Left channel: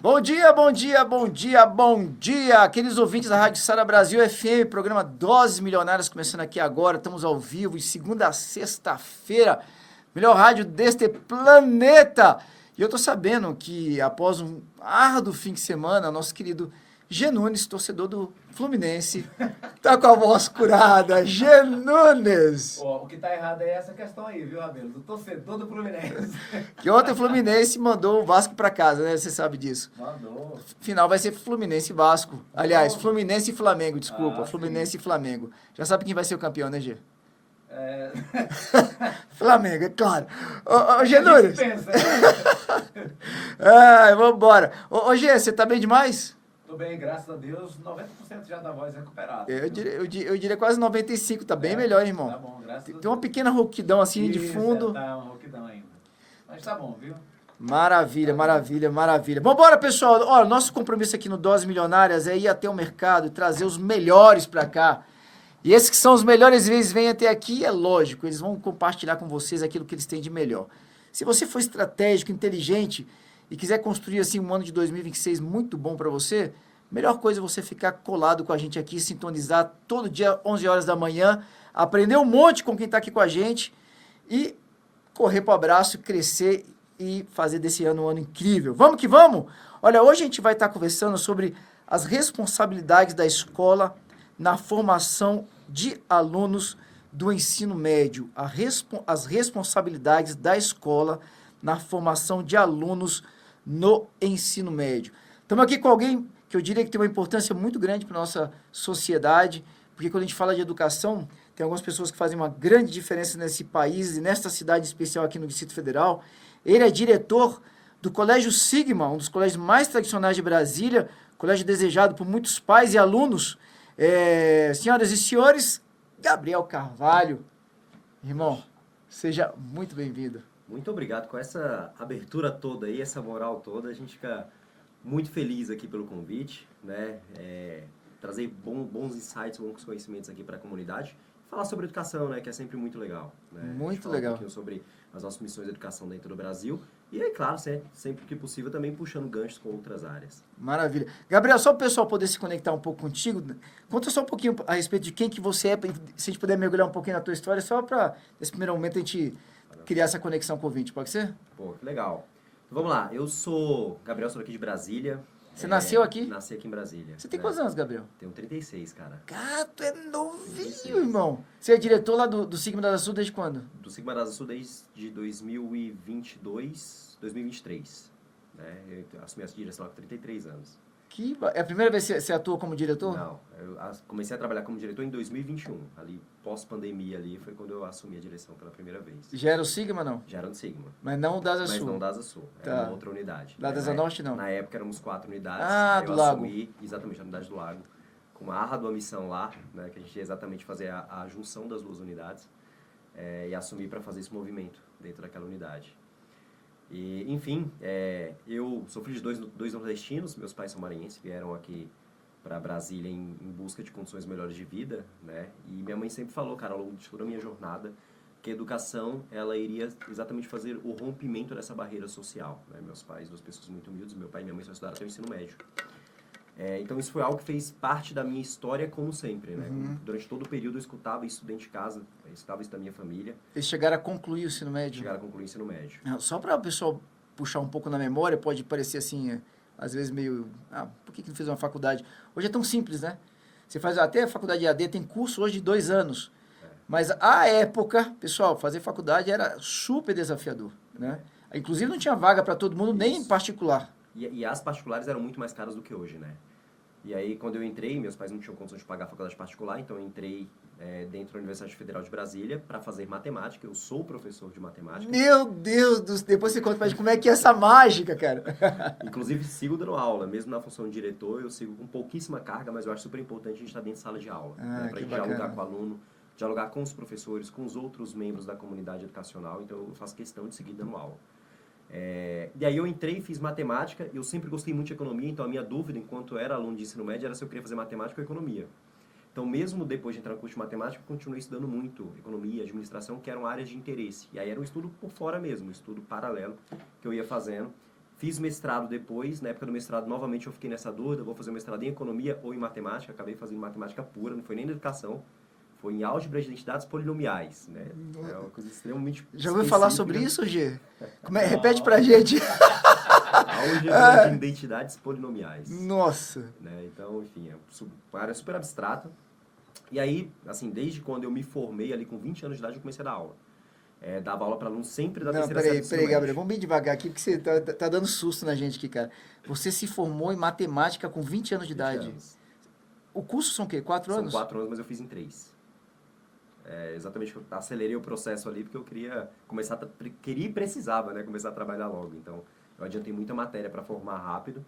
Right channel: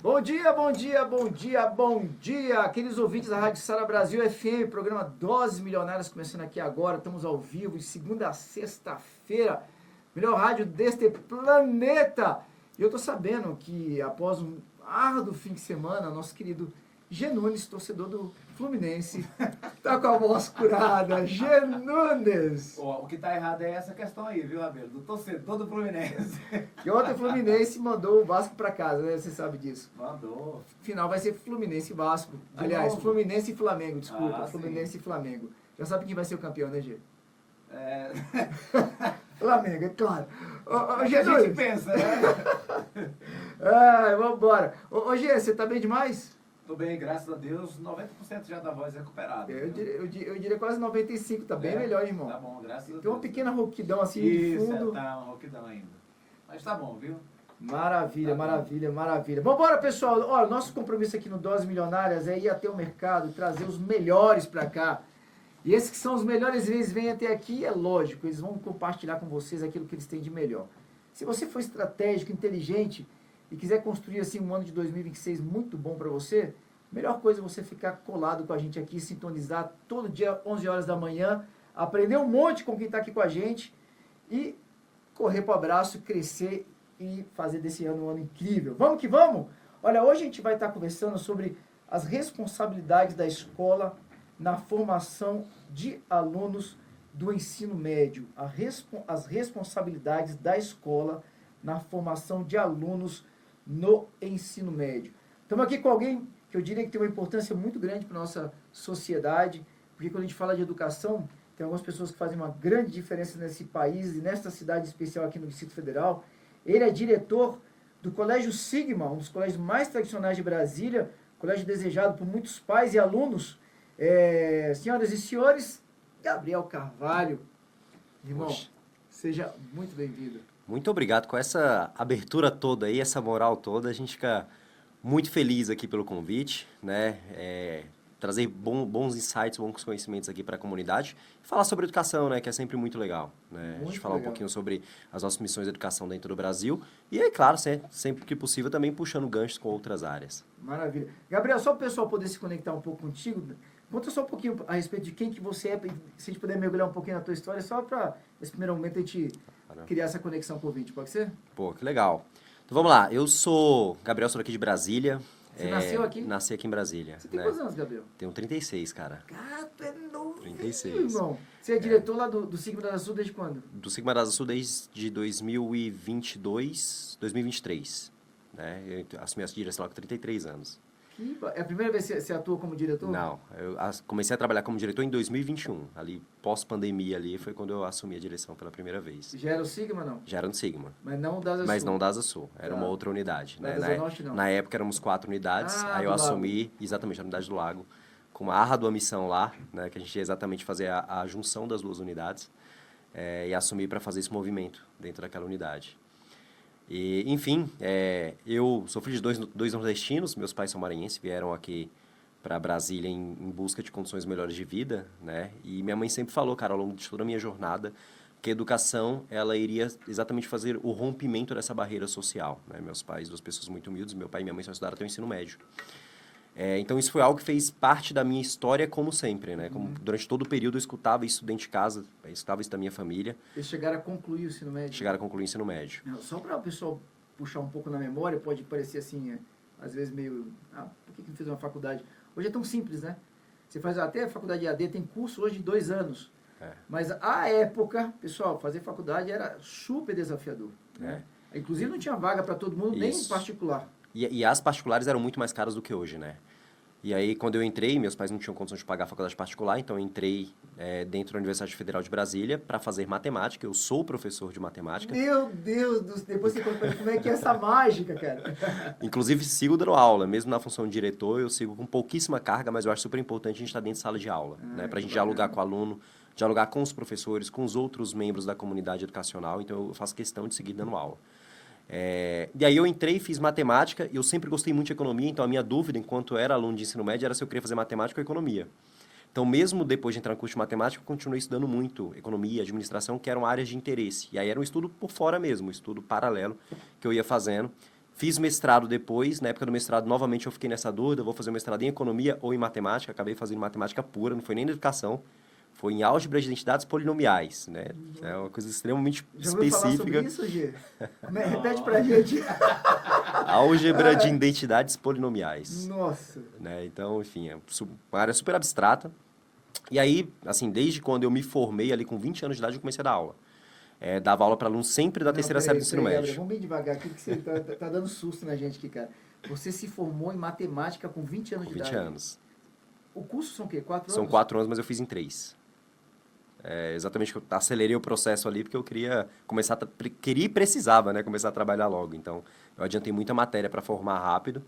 Bom dia, bom dia, bom dia, bom dia, aqueles ouvintes da Rádio Sara Brasil FM, programa Doses Milionárias, começando aqui agora, estamos ao vivo, de segunda a sexta-feira, melhor rádio deste planeta. E eu tô sabendo que após um árduo fim de semana, nosso querido G Nunes, torcedor do Fluminense, tá com a voz curada. G Nunes! Ó, o que tá errado é essa questão aí, viu, Rabelo? Do torcedor do Fluminense. Que ontem o Fluminense mandou o Vasco pra casa, né? Você sabe disso. Mandou. Final vai ser Fluminense e Vasco. Aliás, Novo. Fluminense e Flamengo, desculpa. Ah, Fluminense sim. e Flamengo. Já sabe quem vai ser o campeão, né, Gê? É... Flamengo, é claro. Ô, a Gê gente Nunes. pensa, né? Ai, vambora. Ô, Gê, você tá bem demais? Tô bem, graças a Deus, 90% já da voz recuperada. Eu diria quase 95, tá bem É, melhor, hein, irmão. Tá bom, graças a Deus. Tem uma pequena rouquidão assim de Isso, fundo. tá uma rouquidão ainda. Mas tá bom, viu? Maravilha, maravilha, maravilha. Vambora, pessoal. Ó, nosso compromisso aqui no Doses Milionárias é ir até o mercado e trazer os melhores pra cá. E esses que são os melhores, eles vêm até aqui, é lógico, eles vão compartilhar com vocês aquilo que eles têm de melhor. Se você for estratégico, inteligente e quiser construir assim um ano de 2026 muito bom pra você, melhor coisa é você ficar colado com a gente aqui, sintonizar todo dia 11 horas da manhã, aprender um monte com quem está aqui com a gente e correr para o abraço, crescer e fazer desse ano um ano incrível. Vamos que vamos? Olha, hoje a gente vai estar conversando sobre as responsabilidades da escola na formação de alunos do ensino médio. As responsabilidades da escola na formação de alunos no ensino médio. Estamos aqui com alguém que eu diria que tem uma importância muito grande para a nossa sociedade, porque quando a gente fala de educação, tem algumas pessoas que fazem uma grande diferença nesse país e nesta cidade especial aqui no Distrito Federal. Ele é diretor do Colégio Sigma, um dos colégios mais tradicionais de Brasília, colégio desejado por muitos pais e alunos. Senhoras e senhores, Gabriel Carvalho. Irmão, seja muito bem-vindo. Muito obrigado. Com essa abertura toda aí, essa moral toda, a gente fica muito feliz aqui pelo convite, né? Trazer bons insights, bons conhecimentos aqui para a comunidade. Falar sobre educação, né? Que é sempre muito legal, né? Muito a gente falar legal. um pouquinho sobre as nossas missões de educação dentro do Brasil. E aí, claro, sempre que possível, também puxando ganchos com outras áreas. Maravilha. Gabriel, só para o pessoal poder se conectar um pouco contigo, conta só um pouquinho a respeito de quem que você é, se a gente puder mergulhar um pouquinho na tua história, só para, nesse primeiro momento, a gente criar essa conexão com o ouvinte, pode ser? Pô, que legal. Então, vamos lá. Eu sou Gabriel, sou aqui de Brasília. Você nasceu aqui? Nasci aqui em Brasília. Você tem né? quantos anos, Gabriel? Tenho 36, cara. Cara, tu é novinho, 36. irmão. Você é diretor lá do Sigma da Sul desde quando? Do Sigma da Sul desde 2023, né? Eu assumi essa direção lá com 33 anos. É a primeira vez que você atua como diretor? Não, eu comecei a trabalhar como diretor em 2021, ali pós-pandemia ali, foi quando eu assumi a direção pela primeira vez. Já era o Sigma, não? Já era no Sigma, Mas não o da Asa mas Sul? não da Asa Sul, era Tá. uma outra unidade. Da né? Asa Norte, não? Na época éramos 4 unidades, Ah, aí eu do Lago. assumi exatamente a unidade do Lago, com uma árdua missão lá, né, que a gente ia exatamente fazer a junção das duas unidades, e assumi para fazer esse movimento dentro daquela unidade. E, enfim, eu sou filho de dois nordestinos, meus pais são maranhenses, vieram aqui para Brasília em busca de condições melhores de vida, né? E minha mãe sempre falou, cara, ao longo de toda a minha jornada, que a educação, ela iria exatamente fazer o rompimento dessa barreira social, né? Meus pais, duas pessoas muito humildes, meu pai e minha mãe só estudaram até o ensino médio. Então, isso foi algo que fez parte da minha história, como sempre, né? Como, durante todo o período, eu escutava isso dentro de casa, eu escutava isso da minha família, Eles chegaram a concluir o ensino médio? chegaram a concluir o ensino médio. Só para o pessoal puxar um pouco na memória, pode parecer assim, às vezes meio... por que não fez uma faculdade? Hoje é tão simples, né? Você faz até a faculdade EAD, tem curso hoje de 2 anos. Mas, à época, pessoal, fazer faculdade era super desafiador, né? Inclusive, não tinha vaga para todo mundo, nem em Isso. particular. E as particulares eram muito mais caras do que hoje, né? E aí, quando eu entrei, meus pais não tinham condição de pagar a faculdade particular, então eu entrei dentro da Universidade Federal de Brasília para fazer matemática. Eu sou professor de matemática. Meu Deus do céu, depois você conta pra gente como é que é essa mágica, cara. Inclusive, sigo dando aula. Mesmo na função de diretor, eu sigo com pouquíssima carga, mas eu acho super importante a gente estar dentro de sala de aula. Né? Para a gente dialogar com o aluno, dialogar com os professores, com os outros membros da comunidade educacional. Então, eu faço questão de seguir dando aula. E aí eu entrei, fiz matemática, eu sempre gostei muito de economia, então a minha dúvida, enquanto eu era aluno de ensino médio, era se eu queria fazer matemática ou economia. Então, mesmo depois de entrar no curso de matemática, eu continuei estudando muito economia, administração, que eram áreas de interesse. E aí era um estudo por fora mesmo, um estudo paralelo que eu ia fazendo. Fiz mestrado depois, na época do mestrado, novamente eu fiquei nessa dúvida, vou fazer um mestrado em economia ou em matemática, acabei fazendo matemática pura, não foi nem na educação, foi em álgebra de identidades polinomiais, né? É uma coisa extremamente Já ouviu falar sobre específica. isso, Gê? Repete pra gente. Álgebra de identidades polinomiais. Nossa. Né? Então, enfim, é uma área super abstrata. E aí, assim, desde quando eu me formei ali com 20 anos de idade, eu comecei a dar aula. Dava aula para alunos sempre da terceira série do ensino médio. Gabriel, vamos bem devagar aqui, que você tá dando susto na gente aqui, cara. Você se formou em matemática com 20 anos de 20 idade. anos. O curso são o quê? 4 anos? São 4 anos, mas eu fiz em 3. Exatamente, eu acelerei o processo ali porque eu queria começar, queria e precisava, né, começar a trabalhar logo. Então, eu adiantei muita matéria para formar rápido.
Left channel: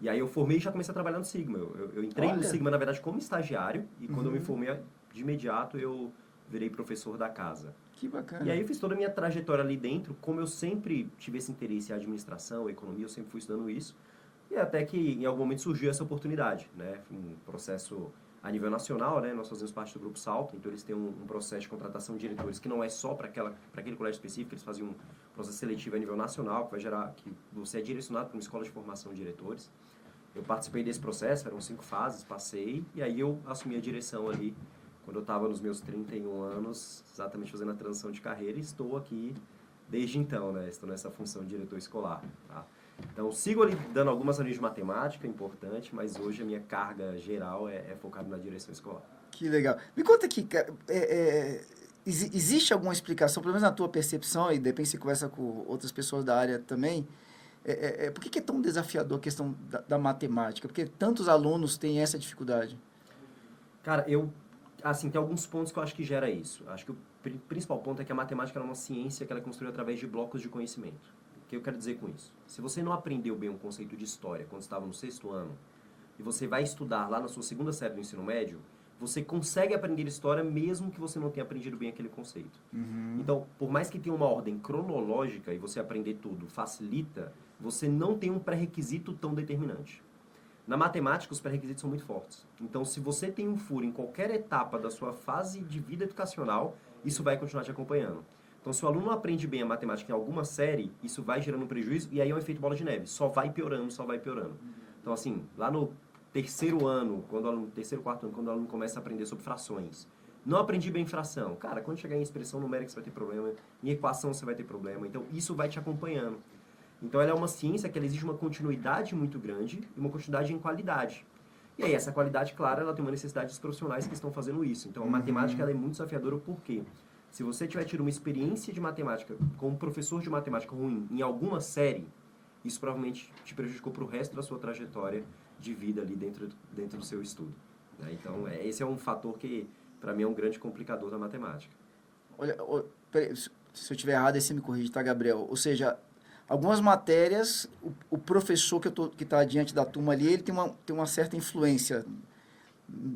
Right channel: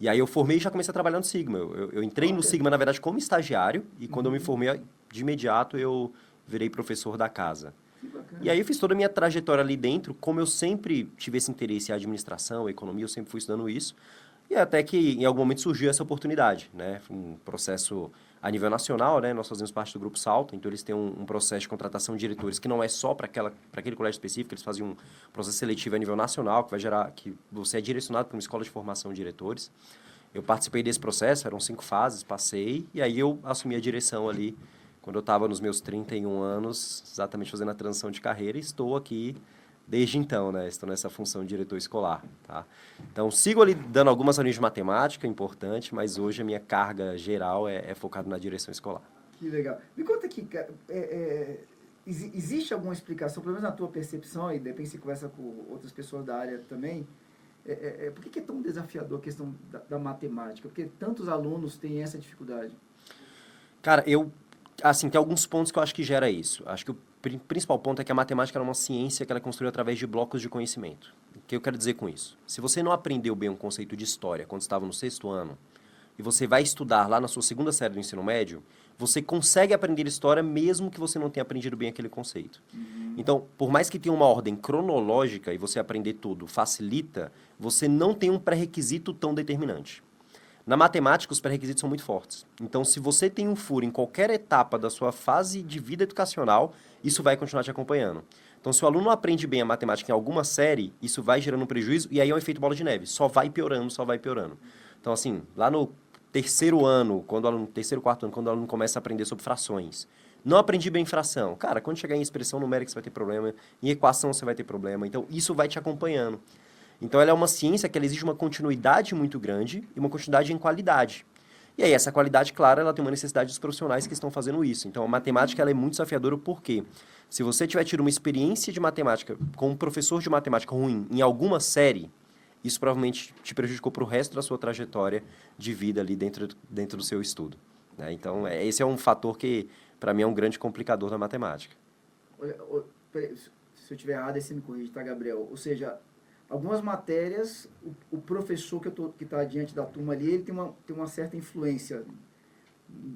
E aí eu formei e já comecei a trabalhar no Sigma. Eu entrei no Sigma, na verdade, como estagiário. E quando eu me formei, de imediato, eu virei professor da casa. Que bacana. E aí eu fiz toda a minha trajetória ali dentro. Como eu sempre tive esse interesse em administração, economia, eu sempre fui estudando isso. E até que em algum momento surgiu essa oportunidade, né? Foi um processo a nível nacional, né? Nós fazemos parte do Grupo Salto, então eles têm um processo de contratação de diretores que não é só para aquele colégio específico, eles fazem um processo seletivo a nível nacional, que vai gerar que você é direcionado para uma escola de formação de diretores. Eu participei desse processo, eram 5 fases, passei, e aí eu assumi a direção ali quando eu estava nos meus 31 anos, exatamente fazendo a transição de carreira, e estou aqui desde então, né? Estou nessa função de diretor escolar, tá? Então, sigo ali dando algumas reuniões de matemática, importante, mas hoje a minha carga geral é focada na direção escolar. Que legal. Me conta aqui, cara, existe alguma explicação, pelo menos na tua percepção, e depois você conversa com outras pessoas da área também, por que é tão desafiador a questão da matemática? Porque tantos alunos têm essa dificuldade? Cara, assim, tem alguns pontos que eu acho que gera isso. Acho que o principal ponto é que a matemática é uma ciência que ela é construída através de blocos de conhecimento. O que eu quero dizer com isso? Se você não aprendeu bem um conceito de história quando estava no 6º ano, e você vai estudar lá na sua 2ª série do ensino médio, você consegue aprender história mesmo que você não tenha aprendido bem aquele conceito. Então, por mais que tenha uma ordem cronológica e você aprender tudo facilita, você não tem um pré-requisito tão determinante. Na matemática, os pré-requisitos são muito fortes. Então, se você tem um furo em qualquer etapa da sua fase de vida educacional, isso vai continuar te acompanhando. Então, se o aluno aprende bem a matemática em alguma série, isso vai gerando um prejuízo, e aí é um efeito bola de neve. Só vai piorando, só vai piorando. Então, assim, lá no 3º ano, terceiro, 4º ano, quando o aluno começa a aprender sobre frações, não aprendi bem fração. Cara, quando chegar em expressão numérica, você vai ter problema. Em equação, você vai ter problema. Então, isso vai te acompanhando. Então, ela é uma ciência que ela exige uma continuidade muito grande e uma continuidade em qualidade. E aí, essa qualidade, claro, ela tem uma necessidade dos profissionais que estão fazendo isso. Então, a matemática ela é muito desafiadora porque se você tiver tido uma experiência de matemática com um professor de matemática ruim em alguma série, isso provavelmente te prejudicou para o resto da sua trajetória de vida ali dentro do seu estudo. Né? Então, esse é um fator que, para mim, é um grande complicador da matemática. Olha, peraí, se eu estiver errado, aí você me corrige, tá, Gabriel? Ou seja, algumas matérias, o professor que está diante da turma ali, ele tem uma certa influência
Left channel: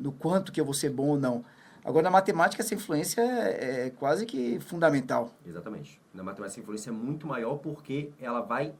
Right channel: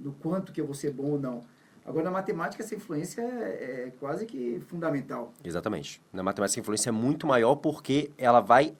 no quanto que eu vou ser bom ou não. Agora, na matemática, essa influência é quase que fundamental. Exatamente. Na matemática, a influência é muito maior porque ela vai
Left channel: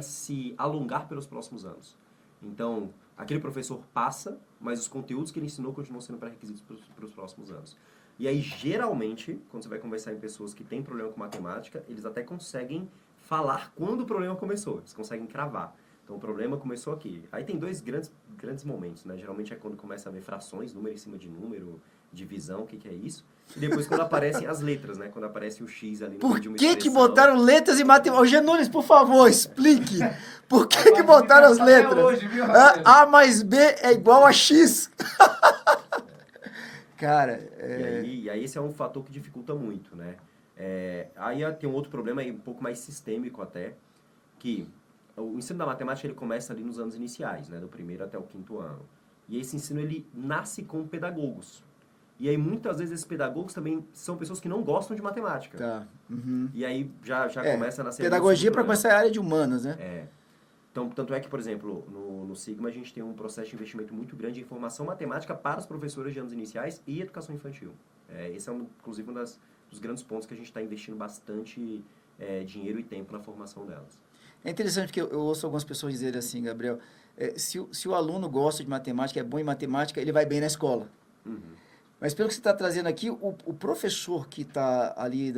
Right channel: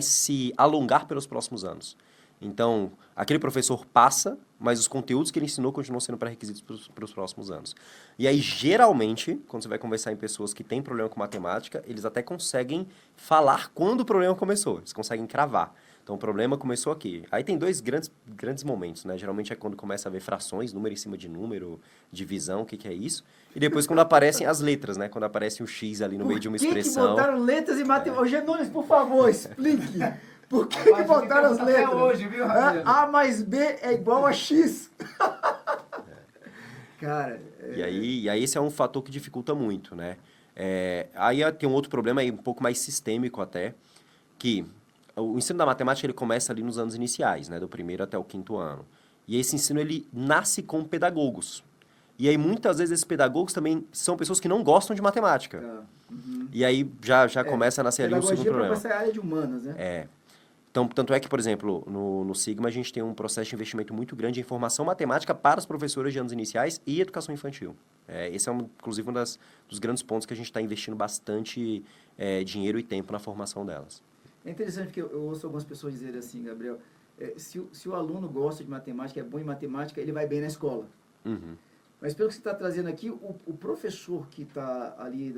se alongar pelos próximos anos. Então, aquele professor passa, mas os conteúdos que ele ensinou continuam sendo pré-requisitos para os próximos anos. E aí, geralmente, quando você vai conversar em pessoas que têm problema com matemática, eles até conseguem falar quando o problema começou. Eles conseguem cravar. Então, o problema começou aqui. Aí tem 2 grandes momentos, né? Geralmente é quando começa a ver frações, número em cima de número, divisão, o que é isso. E depois quando aparecem as letras, né? Quando aparece o X ali no meio de uma expressão. Por que botaram letras em matemática? Ô, Genunes, por favor, explique. Por que botaram as letras? Hoje, viu, Rabelo? A mais B é igual a X. Cara... E aí esse é um fator que dificulta muito, né? Aí tem um outro problema aí, um pouco mais sistêmico até, que o ensino da matemática ele começa ali nos anos iniciais, né? Do 1º até o 5º ano. E esse ensino ele nasce com pedagogos. E aí muitas vezes esses pedagogos também são pessoas que não gostam de matemática. Tá. Uhum. E aí já começa a nascer ali um segundo pedagogia para problema. essa área de humanas, né? Então, tanto é que, por exemplo, no Sigma, a gente tem um processo de investimento muito grande em formação matemática para os professores de anos iniciais e educação infantil. Esse é, inclusive, um dos grandes pontos que a gente está investindo bastante dinheiro e tempo na formação delas. É interessante porque eu ouço algumas pessoas dizerem assim, Gabriel, se o aluno gosta de matemática, é bom em matemática, ele vai bem na escola. Uhum. Mas pelo que você está trazendo aqui, o professor que está ali,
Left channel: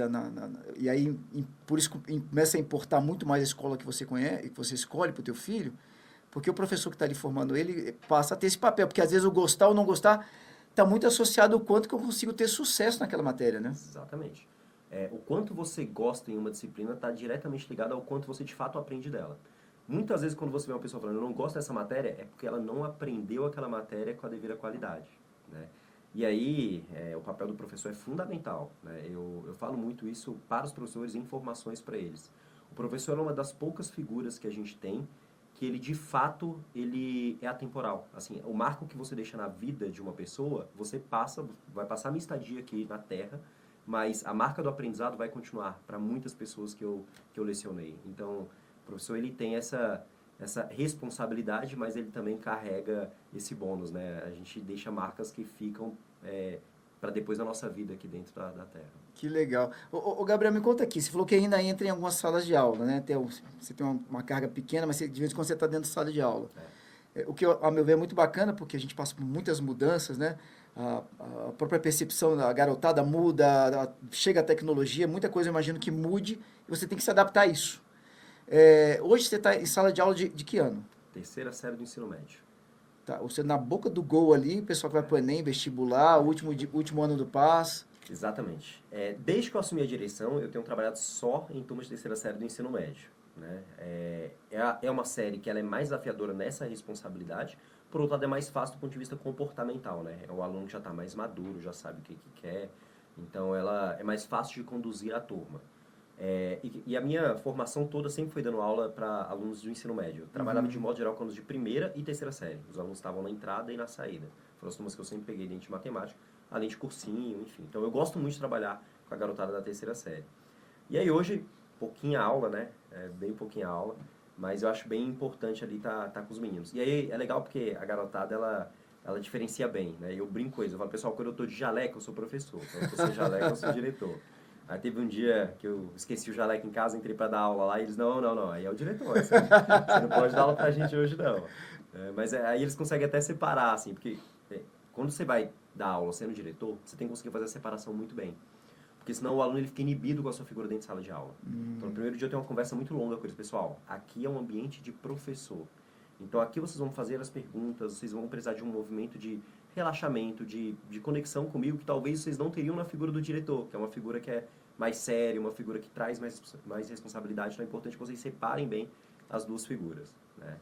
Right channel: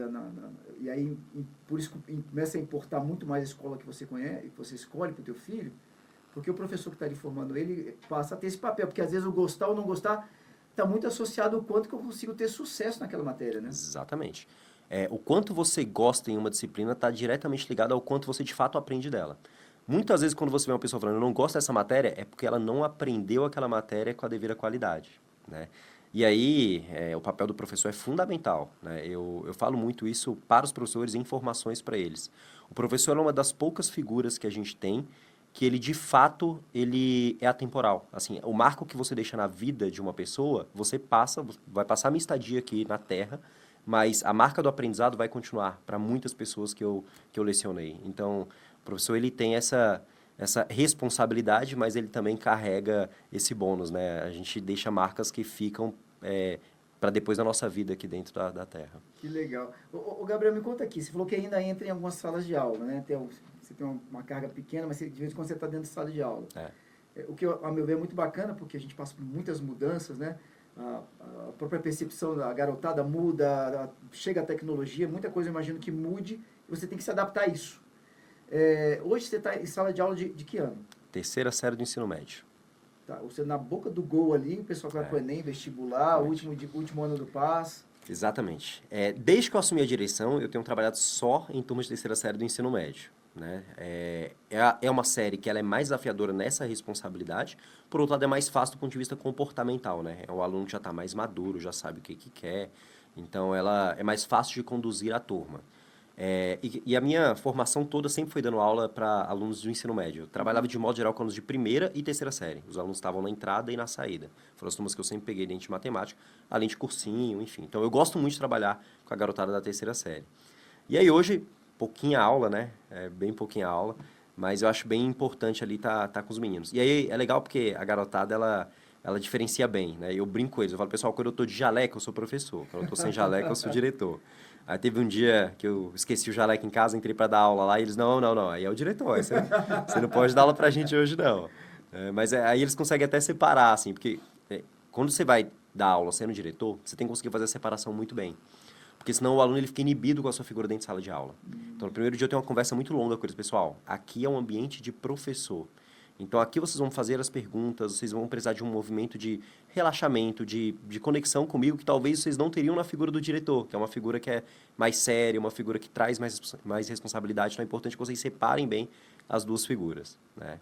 e aí por isso começa a importar muito mais a escola que você conhece, que você escolhe para o teu filho, porque o professor que está ali formando ele passa a ter esse papel, porque às vezes o gostar ou não gostar está muito associado ao quanto que eu consigo ter sucesso naquela matéria, né? Exatamente. O quanto você gosta em uma disciplina está diretamente ligado ao quanto você de fato aprende dela. Muitas vezes quando você vê uma pessoa falando, eu não gosto dessa matéria, é porque ela não aprendeu aquela matéria com a devida qualidade, né? E aí, o papel do professor é fundamental, né? Eu falo muito isso para os professores, informações para eles. O professor é uma das poucas figuras que a gente tem que ele, de fato, ele é atemporal. Assim, o marco que você deixa na vida de uma pessoa, você vai passar a minha estadia aqui na Terra, mas a marca do aprendizado vai continuar para muitas pessoas que eu lecionei. Então, o professor, ele tem essa responsabilidade, mas ele também carrega esse bônus, né? A gente deixa marcas que ficam para depois da nossa vida aqui dentro da Terra. Que legal. Ô, Gabriel, me conta aqui, você falou que ainda entra em algumas salas de aula, né? Você tem uma carga pequena, mas de vez em quando você está dentro de sala de aula. O que, a meu ver, é muito bacana, porque a gente passa por muitas mudanças, né? A própria percepção da garotada muda, chega a tecnologia, muita coisa eu imagino que mude, e você tem que se adaptar a isso. Hoje você está em sala de aula de que ano? Terceira série do ensino médio. Tá, você na boca do gol ali, o pessoal que vai pro Enem, vestibular, último ano do PAS. Exatamente. Desde que eu assumi a direção, eu tenho trabalhado só em turmas de terceira série do ensino médio, né? É uma série que ela é mais desafiadora nessa responsabilidade, por outro lado é mais fácil do ponto de vista comportamental, né? O aluno já está mais maduro, já sabe o que quer, então ela é mais fácil de conduzir a turma. E a minha formação toda sempre foi dando aula para alunos do ensino médio. Eu trabalhava de modo geral com alunos de primeira e terceira série. Os alunos estavam na entrada e na saída. Foram as turmas que eu sempre peguei dentro de matemática, além de cursinho, enfim. Então eu gosto muito de trabalhar com a garotada da terceira série. E aí hoje, pouquinha aula, né? Bem pouquinha aula, mas eu acho bem importante ali tá com os meninos. E aí é legal porque a garotada, ela diferencia bem, né? Eu brinco com eles, eu falo, pessoal, quando eu tô de jaleco, eu sou professor. Quando eu tô sem jaleco, eu sou diretor. Aí teve um dia que eu esqueci o jaleco em casa, entrei para dar aula lá, e eles, não, aí é o diretor, você não pode dar aula pra gente hoje, não. Mas aí eles conseguem até separar, assim, porque quando você vai dar aula sendo diretor, você tem que conseguir fazer a separação muito bem. Porque senão o aluno ele fica inibido com a sua figura dentro de sala de aula. Então, no primeiro dia eu tenho uma conversa muito longa com eles, pessoal. Aqui é um ambiente de professor. Então, aqui vocês vão fazer as perguntas, vocês vão precisar de um movimento de relaxamento, de conexão comigo, que talvez vocês não teriam na figura do diretor, que é uma figura que é mais séria, uma figura que traz mais responsabilidade. Então, é importante que vocês separem bem as duas figuras, né?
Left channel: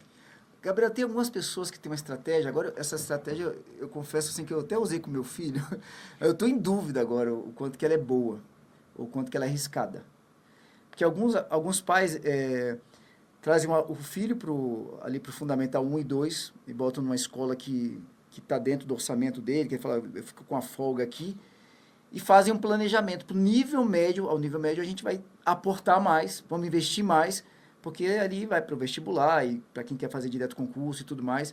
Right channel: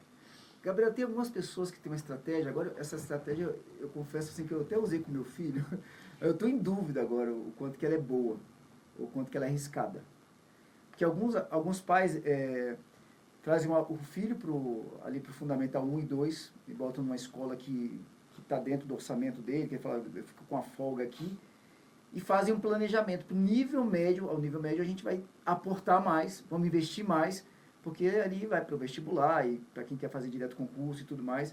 Gabriel, tem algumas pessoas que têm uma estratégia. Agora, essa estratégia, eu confesso assim, que eu até usei com meu filho. Eu estou em dúvida agora o quanto que ela é boa, ou o quanto que ela é arriscada. Porque alguns pais trazem o filho ali para o Fundamental 1 e 2 e botam numa escola que está dentro do orçamento dele, que ele fala, eu fico com a folga aqui, e fazem um planejamento para o nível médio. Ao nível médio a gente vai aportar mais, vamos investir mais, porque ali vai para o vestibular e para quem quer fazer direto concurso e tudo mais,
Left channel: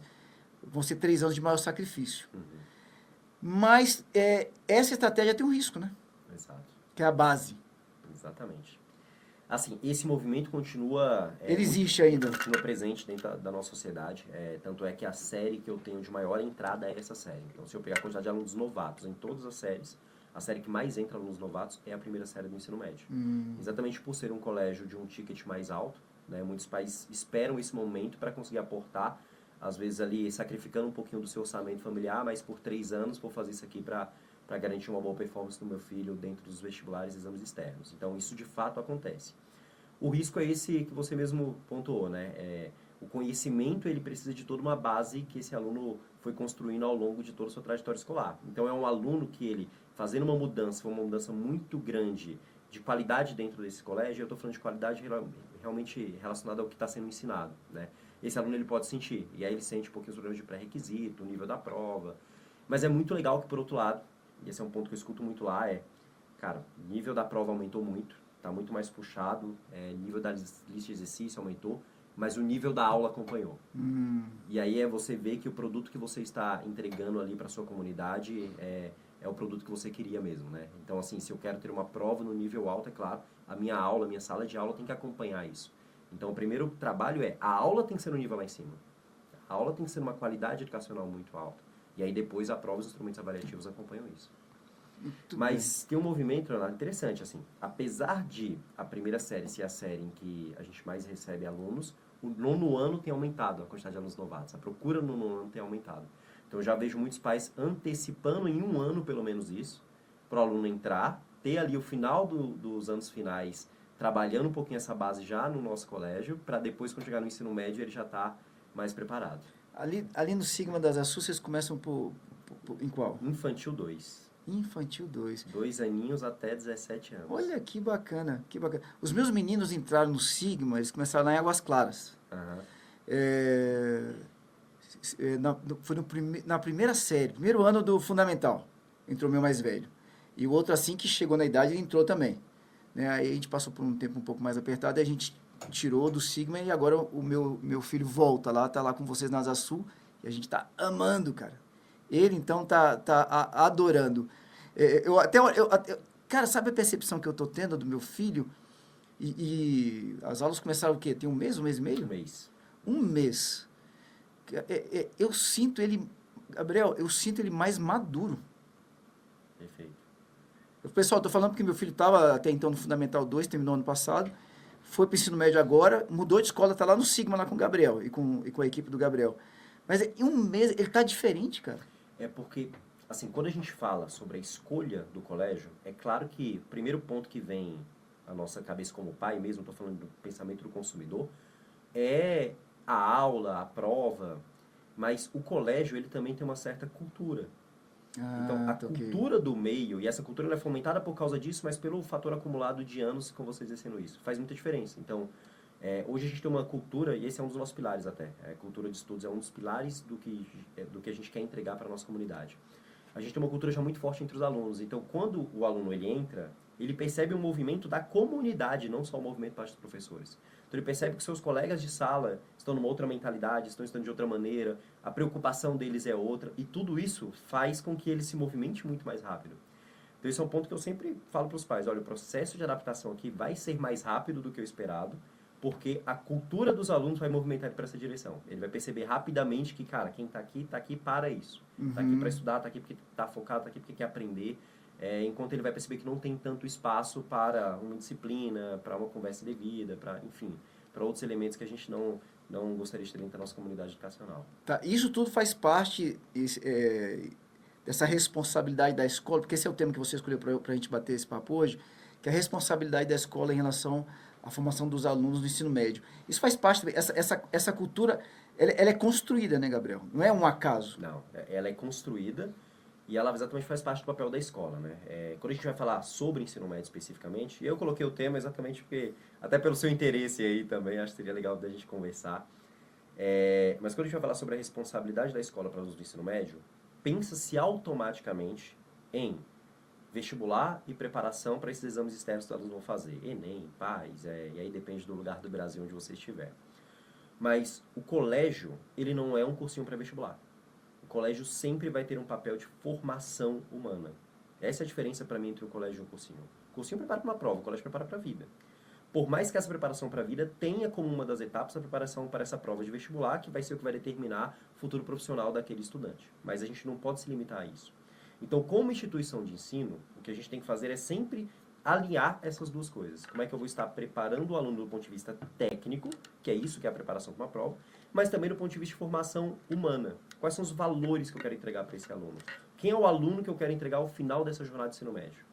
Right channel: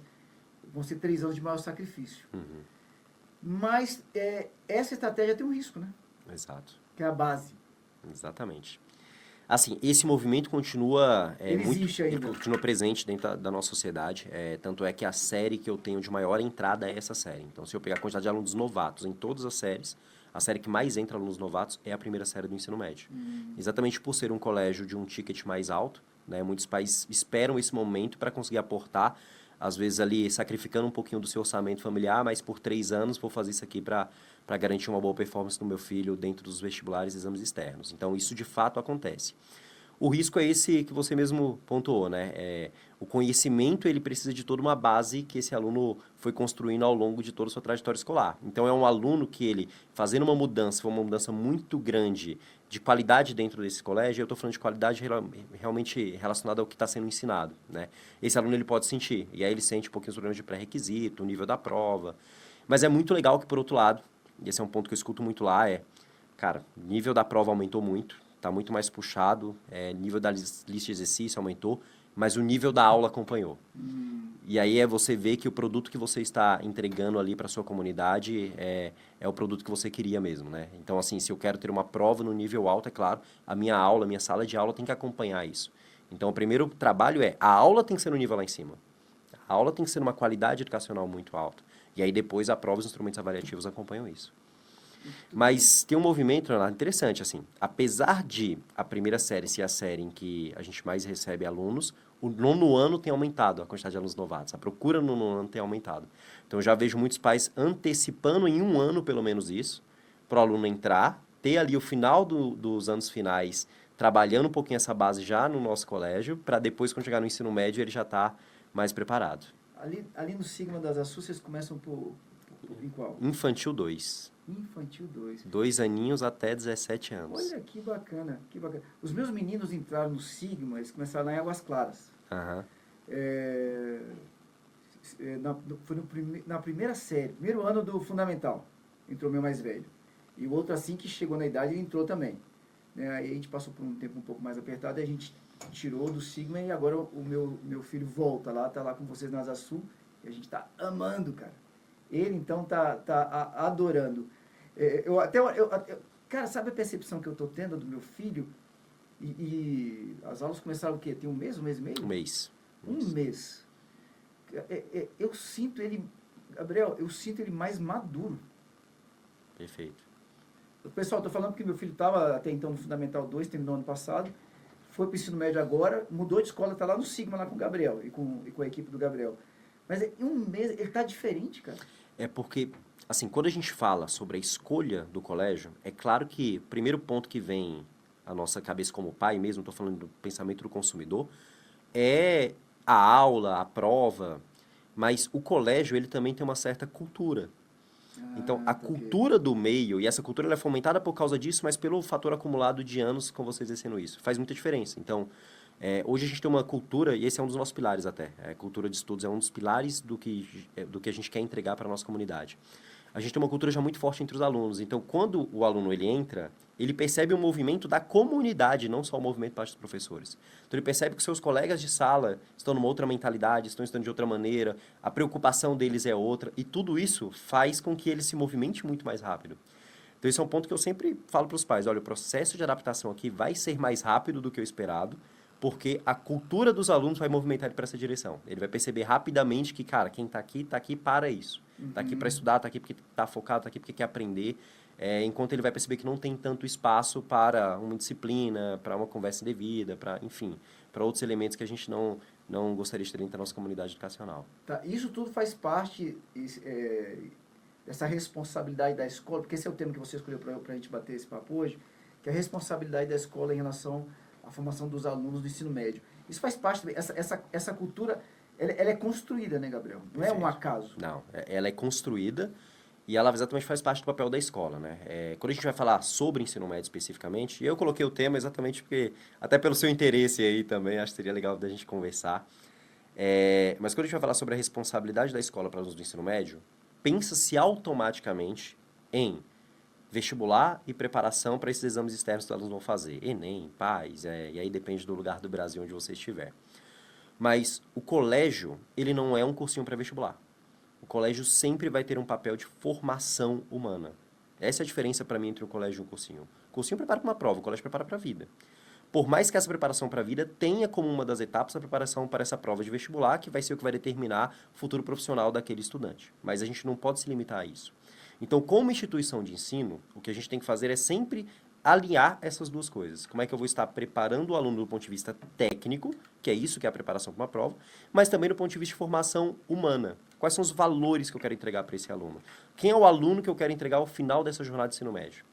vão ser 3 anos de maior sacrifício. Mas essa estratégia tem um risco, né? Exato. Que é a base. Exatamente. Assim, esse movimento continua... Ele existe ainda. Continua presente dentro da nossa sociedade. Tanto é que a série que eu tenho de maior entrada é essa série. Então, se eu pegar a quantidade de alunos novatos em todas as séries, a série que mais entra alunos novatos é a primeira série do ensino médio. Exatamente por ser um colégio de um ticket mais alto, né? Muitos pais esperam esse momento para conseguir aportar, às vezes ali sacrificando um pouquinho do seu orçamento familiar, mas por 3 anos vou fazer isso aqui para garantir uma boa performance do meu filho dentro dos vestibulares e exames externos. Então, isso de fato acontece. O risco é esse que você mesmo pontuou, né? O conhecimento, ele precisa de toda uma base que esse aluno foi construindo ao longo de toda a sua trajetória escolar. Então, é um aluno que ele, fazendo uma mudança, foi uma mudança muito grande de qualidade dentro desse colégio, eu estou falando de qualidade realmente relacionada ao que está sendo ensinado, né? Esse aluno, ele pode sentir, e aí ele sente um pouquinho os problemas de pré-requisito, o nível da prova. Mas é muito legal que, por outro lado, e esse é um ponto que eu escuto muito lá, cara, o nível da prova aumentou muito, está muito mais puxado, nível da lista de exercício aumentou, mas o nível da aula acompanhou. E aí você vê que o produto que você está entregando ali para a sua comunidade é o produto que você queria mesmo, né? Então, assim, se eu quero ter uma prova no nível alto, é claro, a minha sala de aula tem que acompanhar isso. Então, o primeiro trabalho a aula tem que ser no nível lá em cima. A aula tem que ser uma qualidade educacional muito alta. E aí, depois, a prova e os instrumentos avaliativos acompanham isso. Muito Mas tem um movimento, Leonardo, interessante, assim. Apesar de a primeira série ser a série em que a gente mais recebe alunos, o nono ano tem aumentado a quantidade de alunos novatos. A procura no nono ano tem aumentado. Então, eu já vejo muitos pais antecipando em um ano, pelo menos isso, para o aluno entrar, ter ali o final dos anos finais, trabalhando um pouquinho essa base já no nosso colégio, para depois, quando chegar no ensino médio, ele já tá mais preparado. Ali no Sigma das Açu, vocês começam em qual? Infantil 2. Infantil 2. 2 aninhos até 17 anos. Olha que bacana, que bacana. Os meus meninos entraram no Sigma, eles começaram lá em Águas Claras. Aham. Foi na primeira série, primeiro ano do Fundamental, entrou o meu mais velho. E o outro, assim que chegou na idade, ele entrou também. Né? Aí a gente passou por um tempo um pouco mais apertado, e a gente tirou do Sigma e agora o meu filho volta lá, tá lá com vocês na Asa Sul, e a gente tá amando, cara. Ele, então, tá adorando. Cara, sabe a percepção que eu tô tendo do meu filho? E as aulas começaram o quê? Tem um mês e meio? Um mês. Um mês. Eu sinto ele, Gabriel, eu sinto ele mais maduro. Perfeito. Pessoal, tô falando porque meu filho estava até então no Fundamental 2, terminou ano passado, foi para o ensino médio agora, mudou de escola, tá lá no Sigma, lá com o Gabriel e com a equipe do Gabriel. Mas em um mês ele tá diferente, cara. É porque, assim, quando a gente fala sobre a escolha do colégio, é claro que o primeiro ponto que vem à nossa cabeça como pai mesmo, estou falando do pensamento do consumidor, é a aula, a prova, mas o colégio, ele também tem uma certa cultura. Então, a cultura do meio, e essa cultura ela é fomentada por causa disso, mas pelo fator acumulado de anos com vocês exercendo isso, faz muita diferença. Então, hoje a gente tem uma cultura, e esse é um dos nossos pilares até, a cultura de estudos é um dos pilares do que a gente quer entregar para a nossa comunidade. A gente tem uma cultura já muito forte entre os alunos, então quando o aluno ele entra, ele percebe o movimento da comunidade, não só o movimento parte dos professores. Então ele percebe que seus colegas de sala estão numa outra mentalidade, estão estudando de outra maneira, a preocupação deles é outra, e tudo isso faz com que ele se movimente muito mais rápido. Então esse é um ponto que eu sempre falo para os pais, olha, o processo de adaptação aqui vai ser mais rápido do que o esperado, porque a cultura dos alunos vai movimentar ele para essa direção. Ele vai perceber rapidamente que, cara, quem está aqui para isso. Está aqui para estudar, está aqui porque está focado, está aqui porque quer aprender. Enquanto ele vai perceber que não tem tanto espaço para uma disciplina, para uma conversa indevida, para, enfim, para outros elementos que a gente não gostaria de ter dentro da nossa comunidade educacional. Tá, isso tudo faz parte dessa responsabilidade da escola, porque esse é o tema que você escolheu para a gente bater esse papo hoje, que é a responsabilidade da escola em relação à formação dos alunos no ensino médio. Isso faz parte, essa cultura, ela é construída, né, Gabriel? Não é um acaso. Não, ela é construída e ela exatamente faz parte do papel da escola, né? Quando a gente vai falar sobre ensino médio especificamente, eu coloquei o tema exatamente porque, até pelo seu interesse aí também, acho que seria legal da gente conversar. Mas quando a gente vai falar sobre a responsabilidade da escola para os alunos do ensino médio, pensa-se automaticamente em vestibular e preparação para esses exames externos que os alunos vão fazer. Enem, PAS, e aí depende do lugar do Brasil onde você estiver. Mas o colégio, ele não é um cursinho pré-vestibular. O colégio sempre vai ter um papel de formação humana. Essa é a diferença para mim entre um colégio e um cursinho. O cursinho prepara para uma prova, o colégio prepara para a vida. Por mais que essa preparação para a vida tenha como uma das etapas a preparação para essa prova de vestibular, que vai ser o que vai determinar o futuro profissional daquele estudante. Mas a gente não pode se limitar a isso. Então, como instituição de ensino, o que a gente tem que fazer é sempre alinhar essas duas coisas. Como é que eu vou estar preparando o aluno do ponto de vista técnico, que é isso que é a preparação para uma prova, mas também do ponto de vista de formação humana. Quais são os valores que eu quero entregar para esse aluno? Quem é o aluno que eu quero entregar ao final dessa jornada de ensino médio?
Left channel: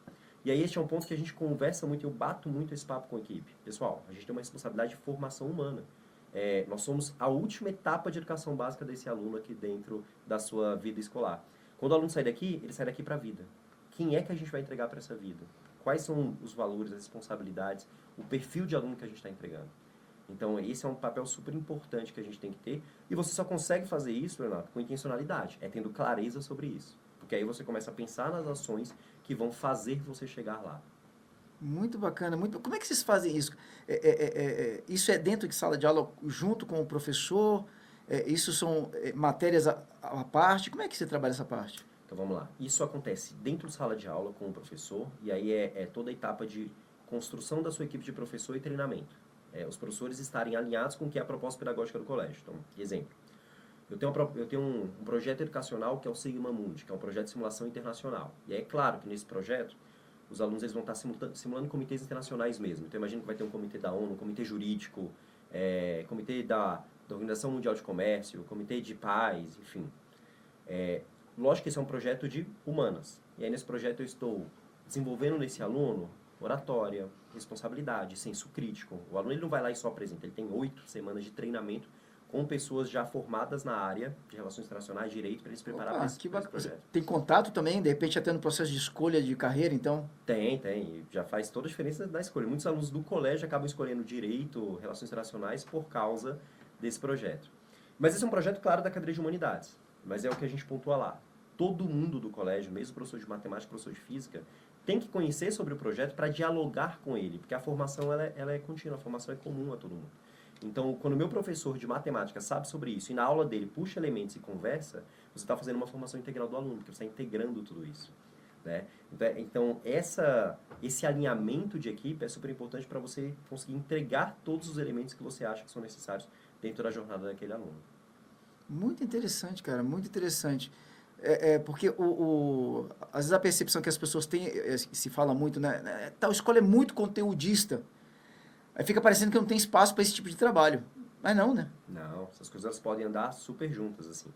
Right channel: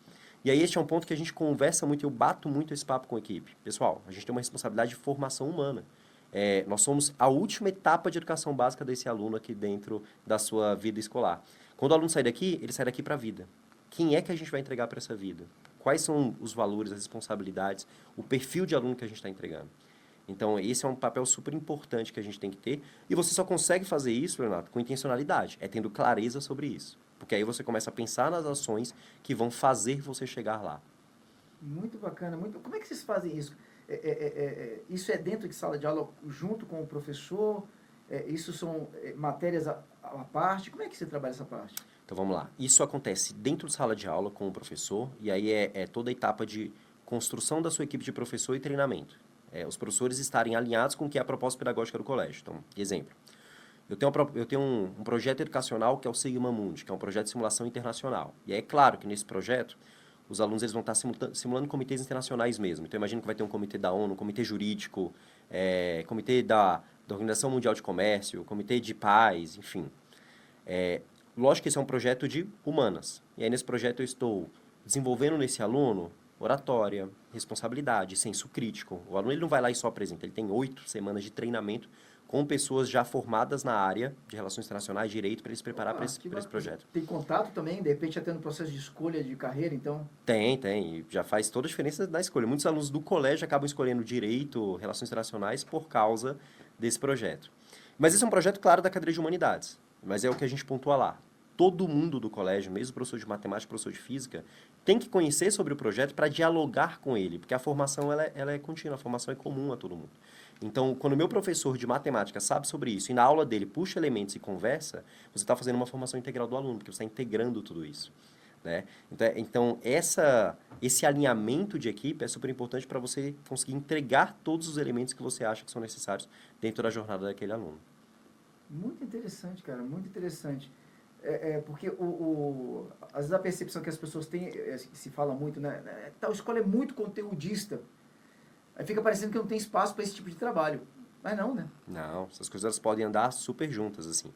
E aí este é um ponto que a gente conversa muito, eu bato muito esse papo com a equipe. Pessoal, a gente tem uma responsabilidade de formação humana. Nós somos a última etapa de educação básica desse aluno aqui dentro da sua vida escolar. Quando o aluno sai daqui, ele sai daqui para a vida. Quem é que a gente vai entregar para essa vida? Quais são os valores, as responsabilidades, o perfil de aluno que a gente está entregando? Então, esse é um papel super importante que a gente tem que ter. E você só consegue fazer isso, Renato, com intencionalidade. É tendo clareza sobre isso. Porque aí você começa a pensar nas ações que vão fazer você chegar lá. Muito bacana. Como é que vocês fazem isso? Isso é dentro de sala de aula, junto com o professor? Isso são matérias à parte? Como é que você trabalha essa parte? Então, vamos lá. Isso acontece dentro de sala de aula com o professor, e aí é toda a etapa de construção da sua equipe de professor e treinamento. Os professores estarem alinhados com o que é a proposta pedagógica do colégio. Então, exemplo. eu tenho um projeto educacional que é o Sigma Mundi, que é um projeto de simulação internacional. E é claro que nesse projeto, os alunos eles vão estar simulando comitês internacionais mesmo. Então, imagino que vai ter um comitê da ONU, um comitê jurídico, comitê da Organização Mundial de Comércio, comitê de paz, enfim. Lógico que esse é um projeto de humanas. E aí, nesse projeto, eu estou desenvolvendo nesse aluno oratória, responsabilidade, senso crítico. O aluno ele não vai lá e só apresenta. Ele tem 8 semanas de treinamento com pessoas já formadas na área de relações internacionais, direito, para ele se preparar para esse projeto. Tem contato também, de repente, até no processo de escolha de carreira, então? Tem. E já faz toda a diferença na escolha. Muitos alunos do colégio acabam escolhendo direito, relações internacionais, por causa desse projeto. Mas esse é um projeto, claro, da cadeira de humanidades. Mas é o que a gente pontua lá. Todo mundo do colégio, mesmo professor de matemática, professor de física, tem que conhecer sobre o projeto para dialogar com ele, porque a formação ela é contínua, a formação é comum a todo mundo. Então, quando o meu professor de matemática sabe sobre isso e na aula dele puxa elementos e conversa, você está fazendo uma formação integral do aluno, porque você está integrando tudo isso. Né? Então esse alinhamento de equipe é super importante para você conseguir entregar todos os elementos que você acha que são necessários dentro da jornada daquele aluno. Muito interessante, cara, muito interessante. Porque às vezes a percepção que as pessoas têm, se fala muito, né? Tal escola é muito conteudista. Aí fica parecendo que não tem espaço para esse tipo de trabalho. Mas não, né? Não, essas coisas elas podem andar super juntas, assim.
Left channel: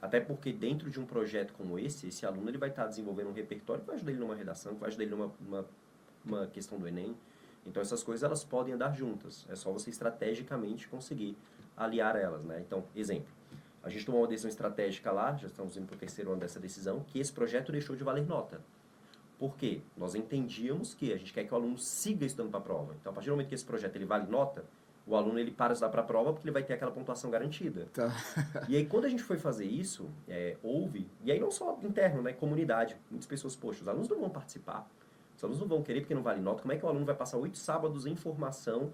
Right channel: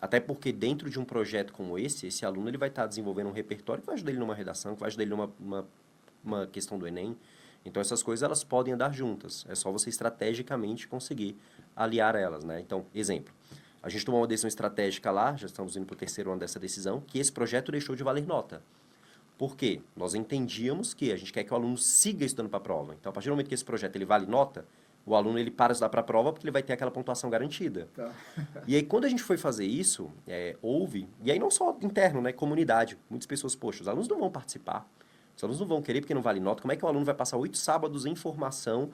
Até porque dentro de um projeto como esse aluno ele vai estar desenvolvendo um repertório que vai ajudar ele numa redação, que vai ajudar ele numa questão do Enem. Então, essas coisas elas podem andar juntas. É só você estrategicamente conseguir aliar elas, né? Então, exemplo. A gente tomou uma decisão estratégica lá, já estamos indo para o 3º ano dessa decisão, que esse projeto deixou de valer nota. Por quê? Nós entendíamos que a gente quer que o aluno siga estudando para a prova. Então, a partir do momento que esse projeto ele vale nota, o aluno ele para de estudar para a prova porque ele vai ter aquela pontuação garantida. Tá. E aí, quando a gente foi fazer isso, houve... E aí, não só interno, né? Comunidade. Muitas pessoas, poxa, os alunos não vão participar. Os alunos não vão querer porque não vale nota. Como é que o aluno vai passar 8 sábados em formação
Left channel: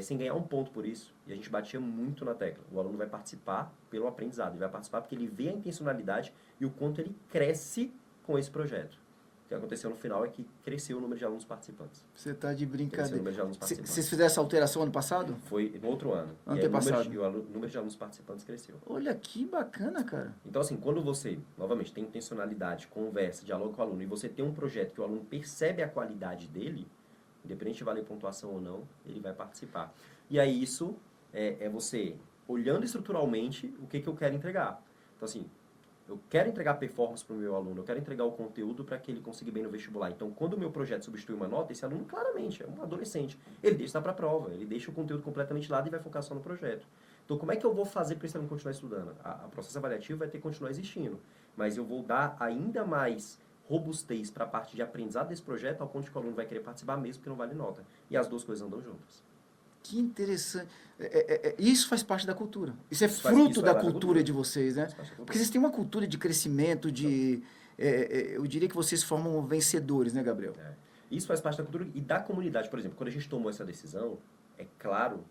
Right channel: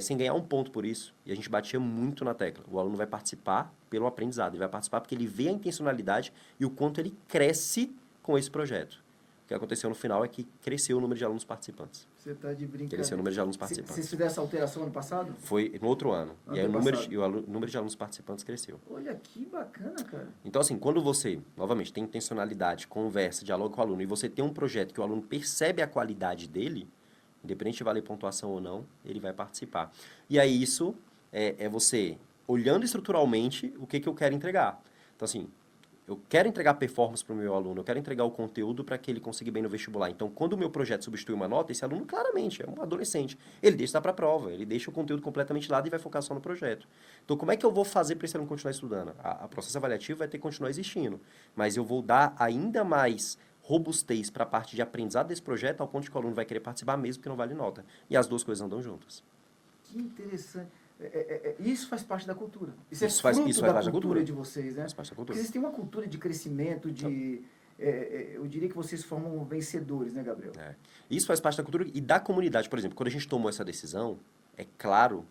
sem ganhar um ponto por isso? E a gente batia muito na tecla. O aluno vai participar pelo aprendizado. Ele vai participar porque ele vê a intencionalidade e o quanto ele cresce com esse projeto. O que aconteceu no final é que cresceu o número de alunos participantes. Você está de brincadeira. Cresceu o número de alunos participantes. Vocês fizeram essa alteração ano passado? Foi no outro ano. Ano E aí o número de alunos participantes cresceu. Olha que bacana, cara. Então, assim, quando você, novamente, tem intencionalidade, conversa, dialoga com o aluno, e você tem um projeto que o aluno percebe a qualidade dele, independente de valer pontuação ou não, ele vai participar. E aí isso é você olhando estruturalmente o que eu quero entregar. Então, assim, eu quero entregar performance para o meu aluno, eu quero entregar o conteúdo para que ele consiga ir bem no vestibular. Então, quando o meu projeto substitui uma nota, esse aluno claramente é um adolescente. Ele deixa estar para a prova, ele deixa o conteúdo completamente de lado e vai focar só no projeto. Então, como é que eu vou fazer para esse aluno continuar estudando? A processo avaliativo vai ter que continuar existindo, mas eu vou dar ainda mais robustez para a parte de aprendizado desse projeto, ao ponto de que o aluno vai querer participar mesmo que não vale nota. E as duas coisas andam juntas. Que interessante. Isso faz parte da cultura. Isso é fruto da cultura de vocês, né? Porque vocês têm uma cultura de crescimento, eu diria que vocês formam vencedores, né, Gabriel? Isso faz parte da cultura e da comunidade. Por exemplo, quando a gente tomou essa decisão, é claro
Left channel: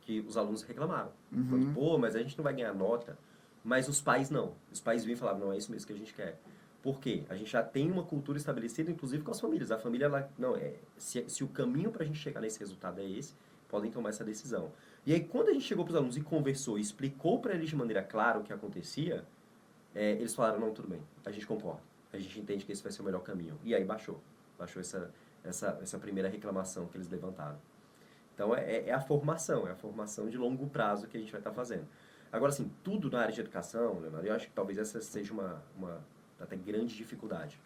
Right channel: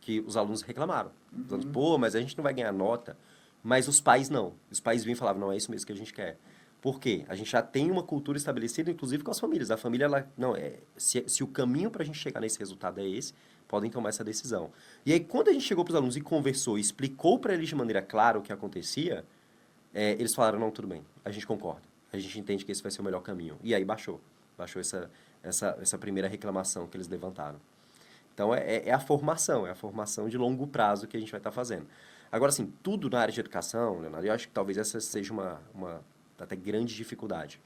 que os alunos reclamaram. Então, pô, mas a gente não vai ganhar nota. Mas os pais não. Os pais vinham e falavam, não, é isso mesmo que a gente quer. Por quê? A gente já tem uma cultura estabelecida, inclusive com as famílias. A família, se o caminho para a gente chegar nesse resultado é esse, podem tomar essa decisão. E aí, quando a gente chegou para os alunos e conversou, e explicou para eles de maneira clara o que acontecia, eles falaram, não, tudo bem, a gente concorda. A gente entende que esse vai ser o melhor caminho. E aí baixou essa primeira reclamação que eles levantaram. Então, é a formação de longo prazo que a gente vai estar fazendo. Agora, assim, tudo na área de educação, Leonardo, eu acho que talvez essa seja uma até grande dificuldade.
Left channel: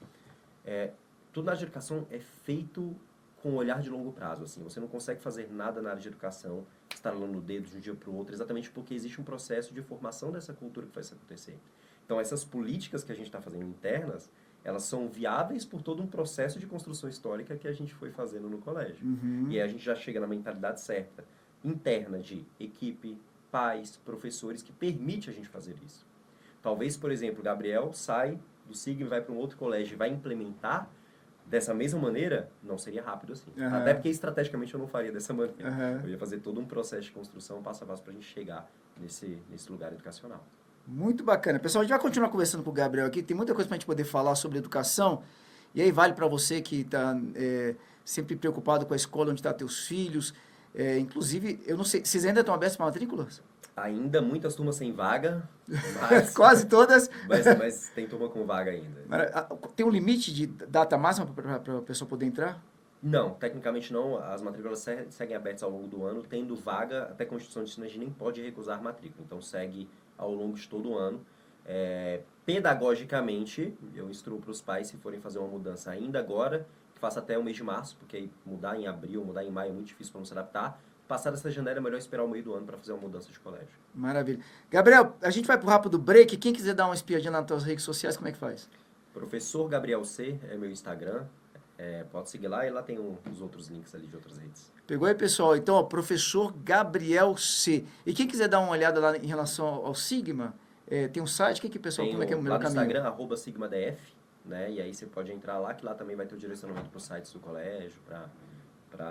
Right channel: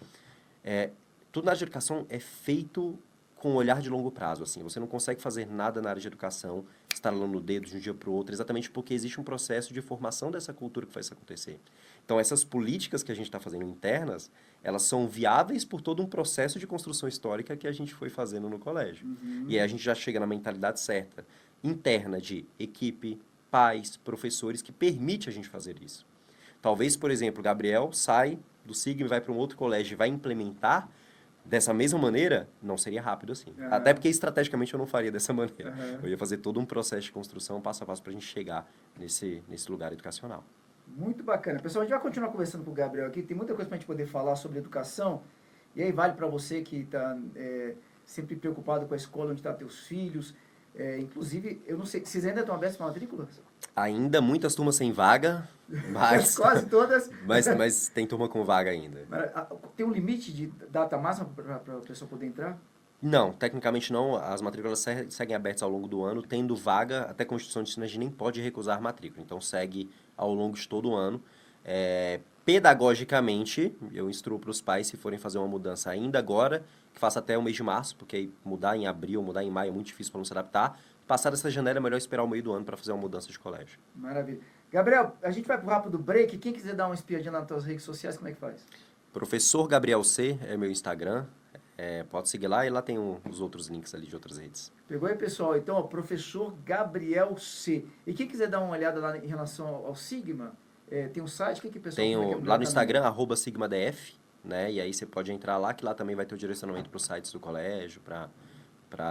Tudo na área de educação é feito com um olhar de longo prazo, assim. Você não consegue fazer nada na área de educação estalando o dedo de um dia para o outro, exatamente porque existe um processo de formação dessa cultura que faz isso acontecer. Então, essas políticas que a gente está fazendo internas, elas são viáveis por todo um processo de construção histórica que a gente foi fazendo no colégio. E aí a gente já chega na mentalidade certa, interna de equipe, pais, professores, que permite a gente fazer isso. Talvez, por exemplo, o Gabriel sai do Sigma e vai para um outro colégio e vai implementar dessa mesma maneira, não seria rápido assim. Até porque estrategicamente eu não faria dessa maneira. Eu ia fazer todo um processo de construção passo a passo para a gente chegar nesse lugar educacional. Muito bacana. Pessoal, a gente vai continuar conversando com o Gabriel aqui. Tem muita coisa para a gente poder falar sobre educação. E aí vale para você que está sempre preocupado com a escola onde estão teus filhos. Inclusive, eu não sei, vocês ainda estão abertos para matrículas? Ainda muitas turmas sem vaga, mas, Quase todas. mas tem turma com vaga ainda. Tem um limite de data máxima para a pessoa poder entrar? Não, tecnicamente não. As matrículas seguem abertas ao longo do ano, tendo vaga, até a Constituição de Ensino a gente nem pode recusar matrícula. Então, segue ao longo de todo o ano. Pedagogicamente, eu instruo para os pais, se forem fazer uma mudança ainda agora, que faça até o mês de março, porque aí mudar em abril, mudar em maio é muito difícil para não se adaptar. Passada essa janela, é melhor esperar o meio do ano para fazer uma mudança de colégio. Maravilha. Gabriel, a gente vai pro rápido break. Quem quiser dar uma espiadinha nas tuas redes sociais, como é que faz? Professor Gabriel C é meu Instagram. Pode seguir lá e lá tem os outros links ali de outras redes. Pegou aí, pessoal? Então, ó, professor Gabriel C. E quem quiser dar uma olhada lá em relação ao Sigma, tem um site, que pessoal, Tem como é que é o lá melhor no caminho? Instagram, @sigmadf, né? E aí você pode entrar lá, que lá também vai ter o direcionamento para os sites do colégio,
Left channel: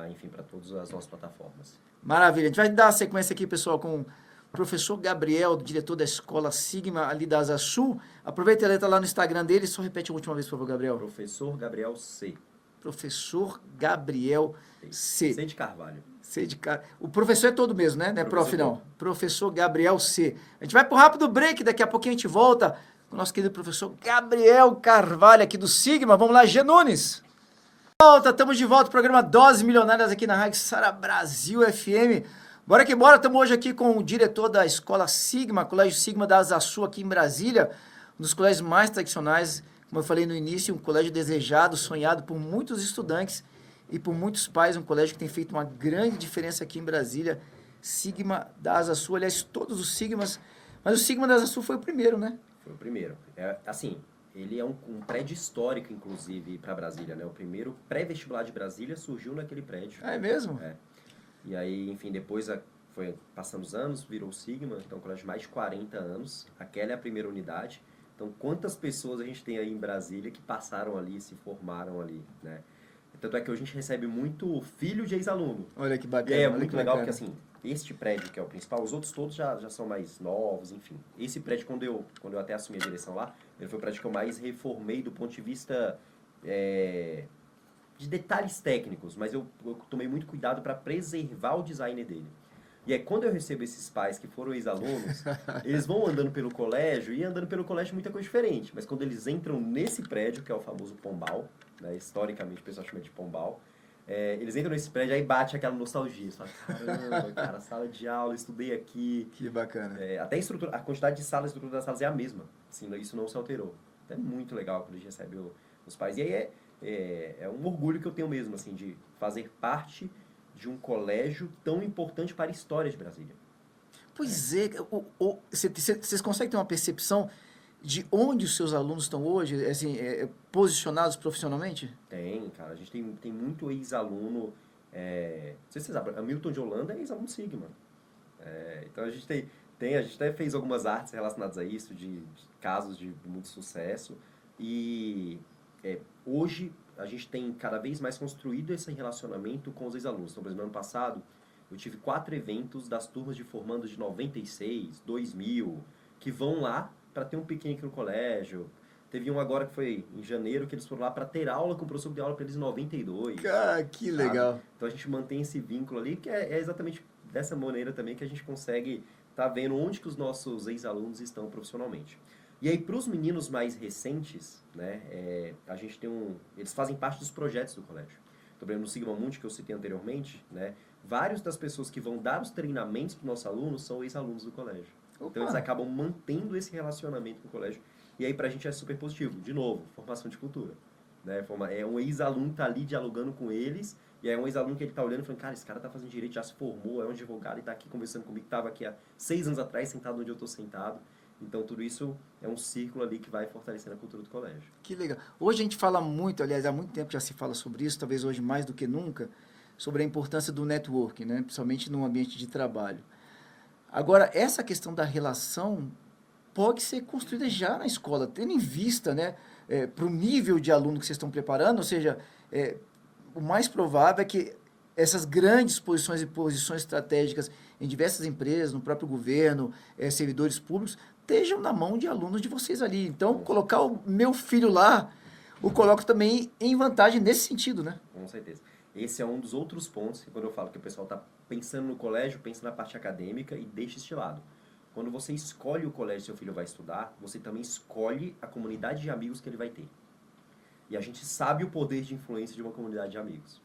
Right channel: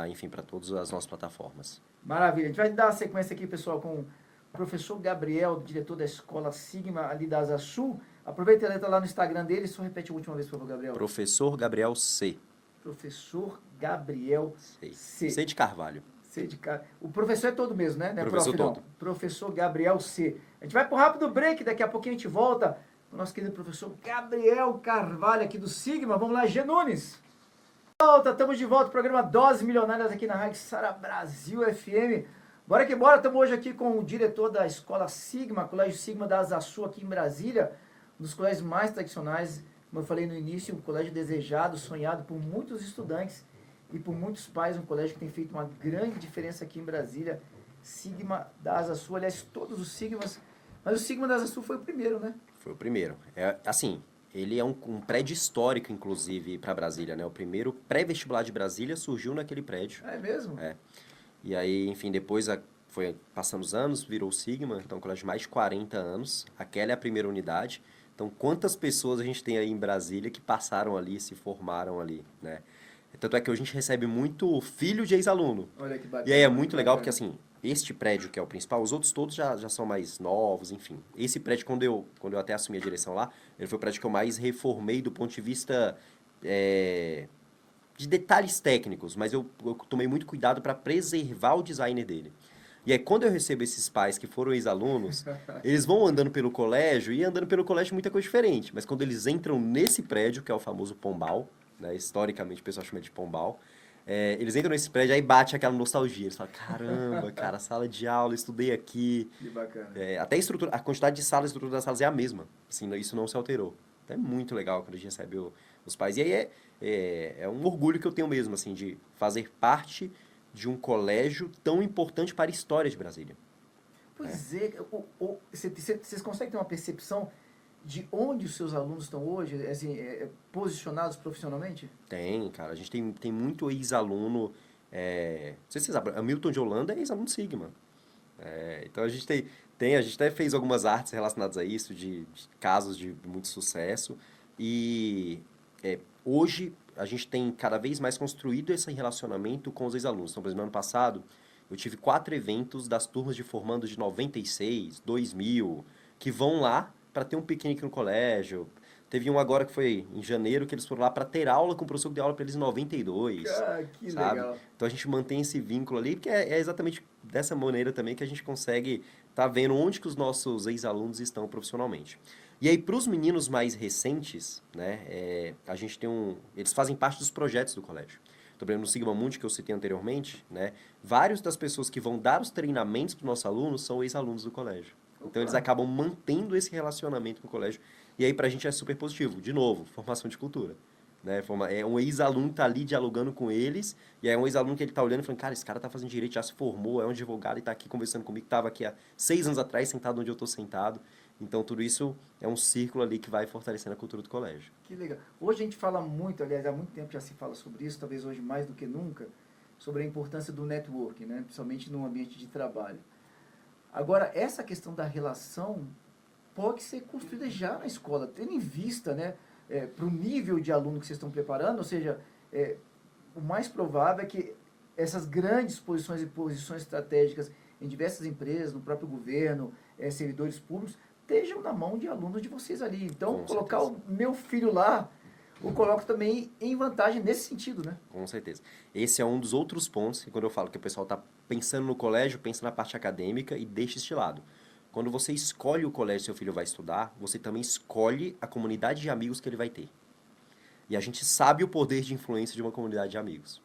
enfim, para todas as nossas plataformas. Maravilha. A gente vai dar uma sequência aqui, pessoal, com o professor Gabriel, diretor da Escola Sigma, ali da Asa Sul. Aproveita a letra lá no Instagram dele. Só repete a última vez, por favor, Gabriel. Professor Gabriel C. Professor Gabriel C. C de Carvalho. C de cara. O professor é todo mesmo, né? Não é Professor prof, não. todo. Professor Gabriel C. A gente vai pro rápido break, daqui a pouquinho a gente volta com o nosso querido professor Gabriel Carvalho aqui do Sigma. Vamos lá, G. Nunes. Estamos de volta ao programa Doses Milionárias aqui na Rádio Sara Brasil FM. Bora que bora, estamos hoje aqui com o diretor da Escola Sigma, Colégio Sigma da Asa Sul aqui em Brasília, um dos colégios mais tradicionais, como eu falei no início, um colégio desejado, sonhado por muitos estudantes e por muitos pais, um colégio que tem feito uma grande diferença aqui em Brasília, Sigma da Asa Sul, aliás, todos os Sigmas, mas o Sigma da Asa Sul foi o primeiro, né? Foi o primeiro. Assim, ele é um prédio histórico, inclusive, para Brasília, né? O primeiro pré-vestibular de Brasília surgiu naquele prédio. É mesmo? E aí, enfim, depois foi passando os anos, virou o Sigma, então, um colégio de mais de 40 anos. Aquela é a primeira unidade. Então, quantas pessoas a gente tem aí em Brasília que passaram ali, se formaram ali, né? Tanto é que hoje a gente recebe muito filho de ex-aluno. Olha que bacana. E aí é olha muito que legal bacana. porque, assim, este prédio que é o principal, os outros todos já são mais novos, enfim. Esse prédio, quando eu até assumi a direção lá, ele foi o prédio que eu mais reformei do ponto de vista de detalhes técnicos, mas eu tomei muito cuidado para preservar o design dele. E aí, quando eu recebo esses pais que foram ex-alunos, eles vão andando pelo colégio, e andando pelo colégio muita coisa diferente. Mas quando eles entram nesse prédio, que é o famoso Pombal, né, historicamente o pessoal chama de Pombal, eles entram nesse prédio, aí bate aquela nostalgia. Eles falam, caramba, cara, sala de aula, estudei aqui. Que bacana. Até a quantidade de salas, a estrutura das salas é a mesma. Assim, isso não se alterou. Então, é muito legal quando a gente recebe os pais. E aí é um orgulho que eu tenho mesmo, assim, de fazer parte de um colégio tão importante para a história de Brasília. Pois vocês conseguem ter uma percepção de onde os seus alunos estão hoje, assim, posicionados profissionalmente? Tem, cara. A gente tem muito ex-aluno. Não sei se você sabe, Hamilton de Holanda é ex-aluno Sigma. Então a gente a gente até fez algumas artes relacionadas a isso, de casos de muito sucesso. E hoje a gente tem cada vez mais construído esse relacionamento com os ex-alunos. Então, por exemplo, ano passado, eu tive 4 eventos das turmas de formandos de 96, 2000, que vão lá para ter um piquenique no colégio. Teve um agora que foi em janeiro, que eles foram lá para ter aula com o professor que deu aula para eles em 92. Cara, que sabe? legal. Então a gente mantém esse vínculo ali, porque é exatamente dessa maneira também que a gente consegue estar vendo onde que os nossos ex-alunos estão profissionalmente. E aí, para os meninos mais recentes, né, a gente eles fazem parte dos projetos do colégio. Então, por exemplo, no Sigma Mundi, que eu citei anteriormente, né, vários das pessoas que vão dar os treinamentos para os nossos alunos são ex-alunos do colégio. Opa. Então, eles acabam mantendo esse relacionamento com o colégio. E aí, para a gente é super positivo. De novo, formação de cultura. Né? É um ex-aluno que tá ali dialogando com eles, e aí é um ex-aluno que ele tá olhando e falando, cara, esse cara tá fazendo direito, já se formou, é um advogado e tá aqui conversando comigo, tava aqui há 6 anos atrás, sentado onde eu tô sentado. Então, tudo isso é um círculo ali que vai fortalecendo a cultura do colégio. Que legal. Hoje a gente fala muito, aliás, há muito tempo já se fala sobre isso, talvez hoje mais do que nunca, sobre a importância do networking, né? Principalmente no ambiente de trabalho. Agora, essa questão da relação pode ser construída já na escola, tendo em vista, né, para o nível de aluno que vocês estão preparando, ou seja, o mais provável é que essas grandes posições e posições estratégicas em diversas empresas, no próprio governo, servidores públicos, estejam na mão de alunos de vocês ali. Então, colocar o meu filho lá, o coloco também em vantagem nesse sentido, né? Com certeza. Esse é um dos outros pontos que quando eu falo que o pessoal está pensando no colégio, pensa na parte acadêmica e deixa este lado. quando você escolhe o colégio que seu filho vai estudar, você também escolhe a comunidade de amigos que ele vai ter. E a gente sabe o poder de influência de uma comunidade de amigos.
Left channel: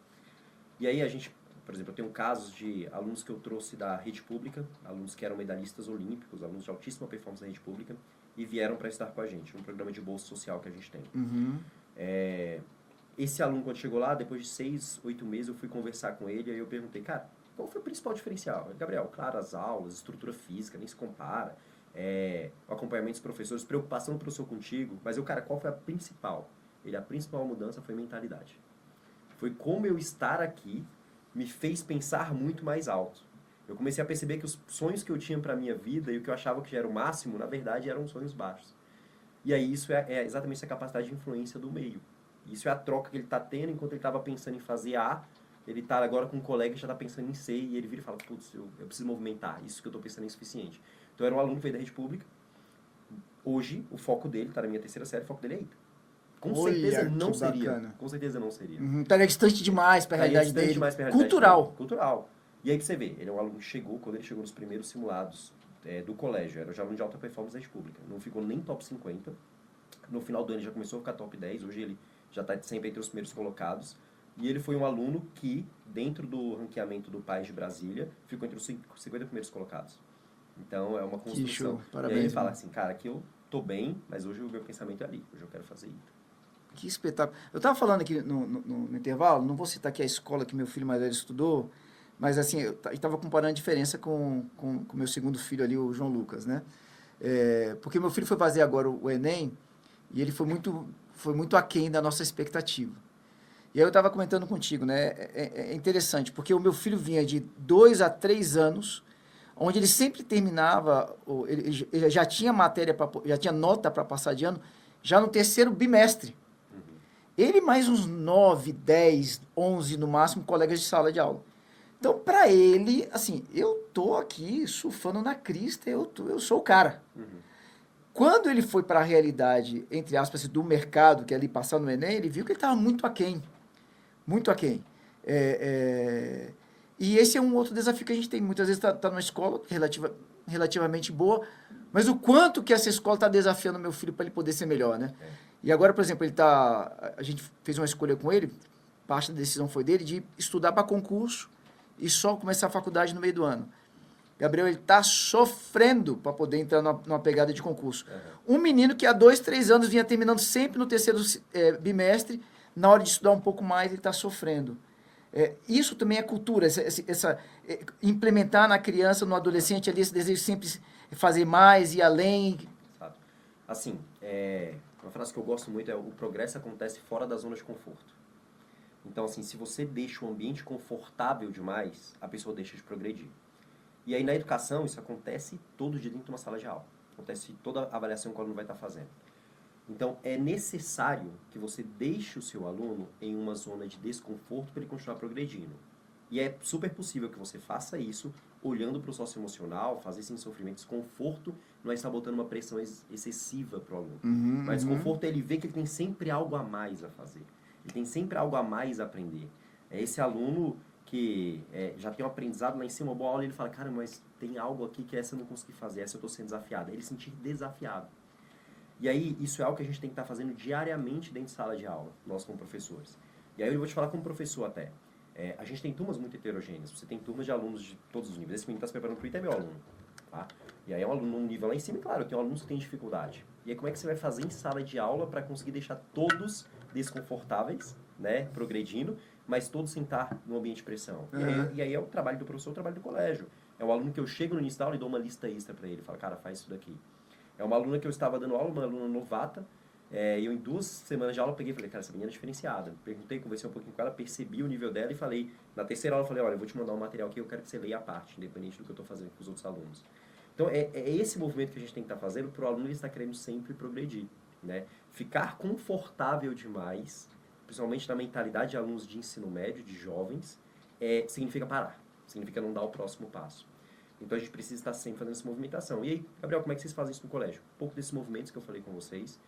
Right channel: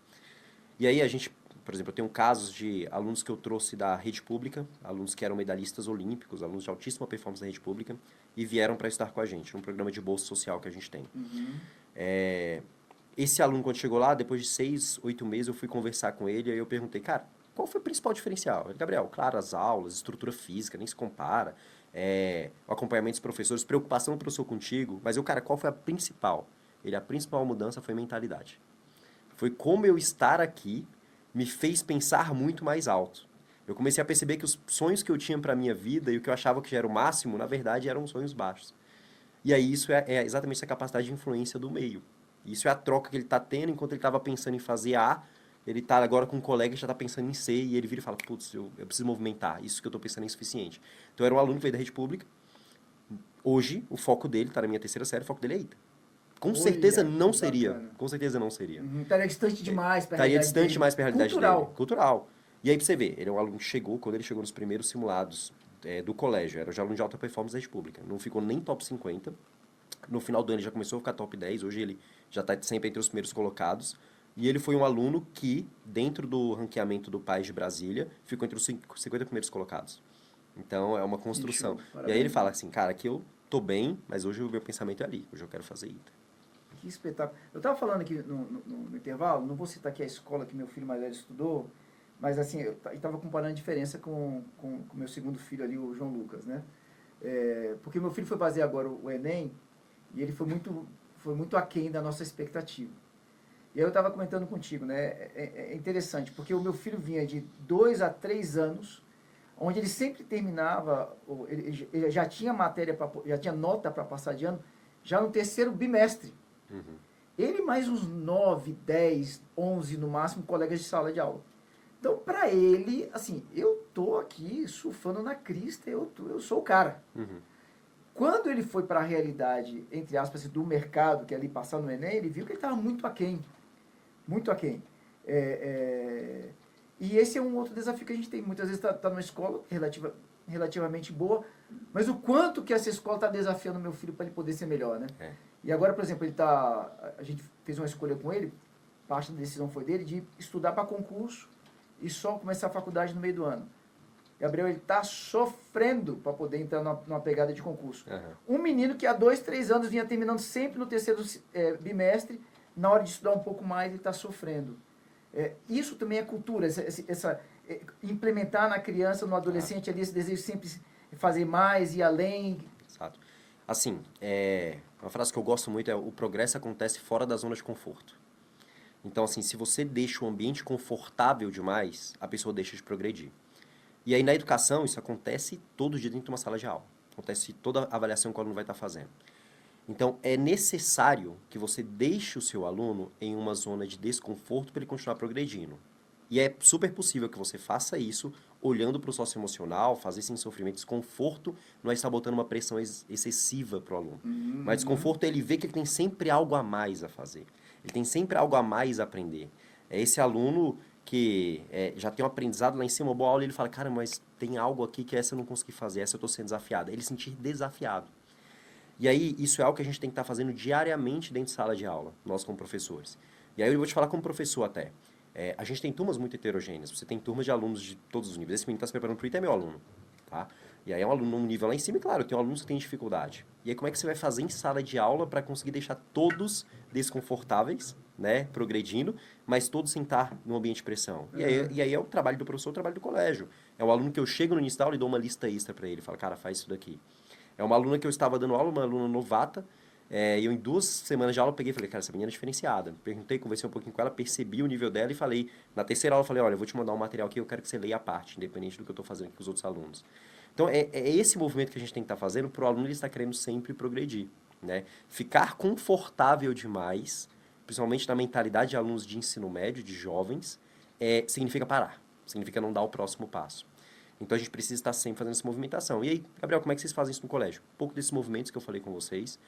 E aí a gente, por exemplo, eu tenho casos de alunos que eu trouxe da rede pública, alunos que eram medalhistas olímpicos, alunos de altíssima performance da rede pública, e vieram para estudar com a gente, num programa de bolsa social que a gente tem. Esse aluno, quando chegou lá, depois de 6, 8 meses, eu fui conversar com ele, e aí eu perguntei, cara, qual foi o principal diferencial? Ele, Gabriel, claro, as aulas, estrutura física, nem se compara, o acompanhamento dos professores, preocupação do professor contigo, mas eu, cara, qual foi a principal? A principal mudança foi mentalidade. Foi como eu estar aqui me fez pensar muito mais alto. Eu comecei a perceber que os sonhos que eu tinha para minha vida e o que eu achava que já era o máximo, na verdade, eram sonhos baixos. E aí isso é exatamente essa capacidade de influência do meio. Isso é a troca que ele está tendo enquanto ele estava pensando em fazer A, ele está agora com um colega que já está pensando em C, e ele vira e fala, putz, eu preciso movimentar, isso que eu estou pensando é insuficiente. Então, era um aluno que veio da rede pública, hoje, o foco dele, está na minha terceira série, o foco dele é ITA. Com certeza não seria. Com certeza não seria. Estaria distante demais para a realidade distante dele. demais para a realidade Cultural. dele. Cultural. E aí, pra você ver, ele é um aluno que chegou, quando ele chegou nos primeiros simulados do colégio, era já aluno de alta performance da rede pública. Não ficou nem top 50. No final do ano ele já começou a ficar top 10. Hoje ele já está sempre entre os primeiros colocados. E ele foi um aluno que, dentro do ranqueamento do PAS de Brasília, ficou entre os 50 primeiros colocados. Então, é uma construção. E aí ele fala assim, cara, aqui eu tô bem, mas hoje o meu pensamento é ali. Hoje eu quero fazer ITA. Que espetáculo. Eu estava falando aqui no intervalo, não vou citar aqui a escola que meu filho mais velho estudou, mas assim, eu estava comparando a diferença com meu segundo filho ali, o João Lucas, né? Porque meu filho foi fazer agora o Enem e ele foi muito aquém da nossa expectativa. E aí eu estava comentando contigo, né? É interessante, porque o meu filho vinha de 2 a 3 anos, onde ele sempre terminava, ele já tinha matéria, já tinha nota para passar de ano, já no terceiro bimestre. Ele mais uns 9, 10, 11 no máximo colegas de sala de aula. Então, para ele, assim, eu tô aqui surfando na crista, eu sou o cara. Quando ele foi para a realidade, entre aspas, do mercado, que é ali passar no Enem, ele viu que ele estava muito aquém. Muito aquém. E esse é um outro desafio que a gente tem. Muitas vezes está numa escola relativamente boa, mas o quanto que essa escola está desafiando meu filho para ele poder ser melhor, né? E agora, por exemplo, a gente fez uma escolha com ele, parte da decisão foi dele, de estudar para concurso e só começar a faculdade no meio do ano. Gabriel, ele está sofrendo para poder entrar numa pegada de concurso. Um menino que há 2, 3 anos vinha terminando sempre no terceiro bimestre, na hora de estudar um pouco mais, ele está sofrendo. Isso também é cultura, implementar na criança, no adolescente, ali, esse desejo sempre de fazer mais e além. Exato. Assim, uma frase que eu gosto muito é: o progresso acontece fora da zona de conforto. Então, assim, se você deixa o ambiente confortável demais, a pessoa deixa de progredir. E aí, na educação, isso acontece todo dia dentro de uma sala de aula. Acontece toda a avaliação que o aluno vai estar fazendo. Então, é necessário que você deixe o seu aluno em uma zona de desconforto para ele continuar progredindo. E é super possível que você faça isso olhando para o socioemocional, fazer sem sofrimento, desconforto, não é estar botando uma pressão excessiva para o aluno. Mas desconforto é ele ver que ele tem sempre algo a mais a fazer. Ele tem sempre algo a mais a aprender. É esse aluno que já tem um aprendizado lá em cima, uma boa aula, ele fala, cara, mas tem algo aqui que essa eu não consegui fazer, essa eu estou sendo desafiado. Ele se sentir desafiado. E aí, isso é algo que a gente tem que estar fazendo diariamente dentro de sala de aula, nós como professores. E aí eu vou te falar como professor até. A gente tem turmas muito heterogêneas, você tem turmas de alunos de todos os níveis. Esse menino está se preparando para o ITA, é meu aluno. Tá? E aí é um aluno num nível lá em cima, e claro, eu tenho alunos que têm dificuldade. E aí como é que você vai fazer em sala de aula para conseguir deixar todos desconfortáveis, né, progredindo, mas todos sem estar num ambiente de pressão? E aí é o trabalho do professor, o trabalho do colégio. É o aluno que eu chego no início da aula e dou uma lista extra para ele. Falo, cara, faz isso daqui. É uma aluna que eu estava dando aula, uma aluna novata, e eu em 2 semanas de aula peguei e falei, cara, essa menina é diferenciada. Perguntei, conversei um pouquinho com ela, percebi o nível dela e falei, na terceira aula eu falei, olha, eu vou te mandar um material aqui, eu quero que você leia a parte, independente do que eu estou fazendo com os outros alunos. Então, é esse movimento que a gente tem que estar fazendo para o aluno ele estar querendo sempre progredir, né? Ficar confortável demais, principalmente na mentalidade de alunos de ensino médio, de jovens, significa parar, significa não dar o próximo passo. Então, a gente precisa estar sempre fazendo essa movimentação. E aí, Gabriel, como é que vocês fazem isso no colégio? Um pouco desses movimentos que eu falei com vocês,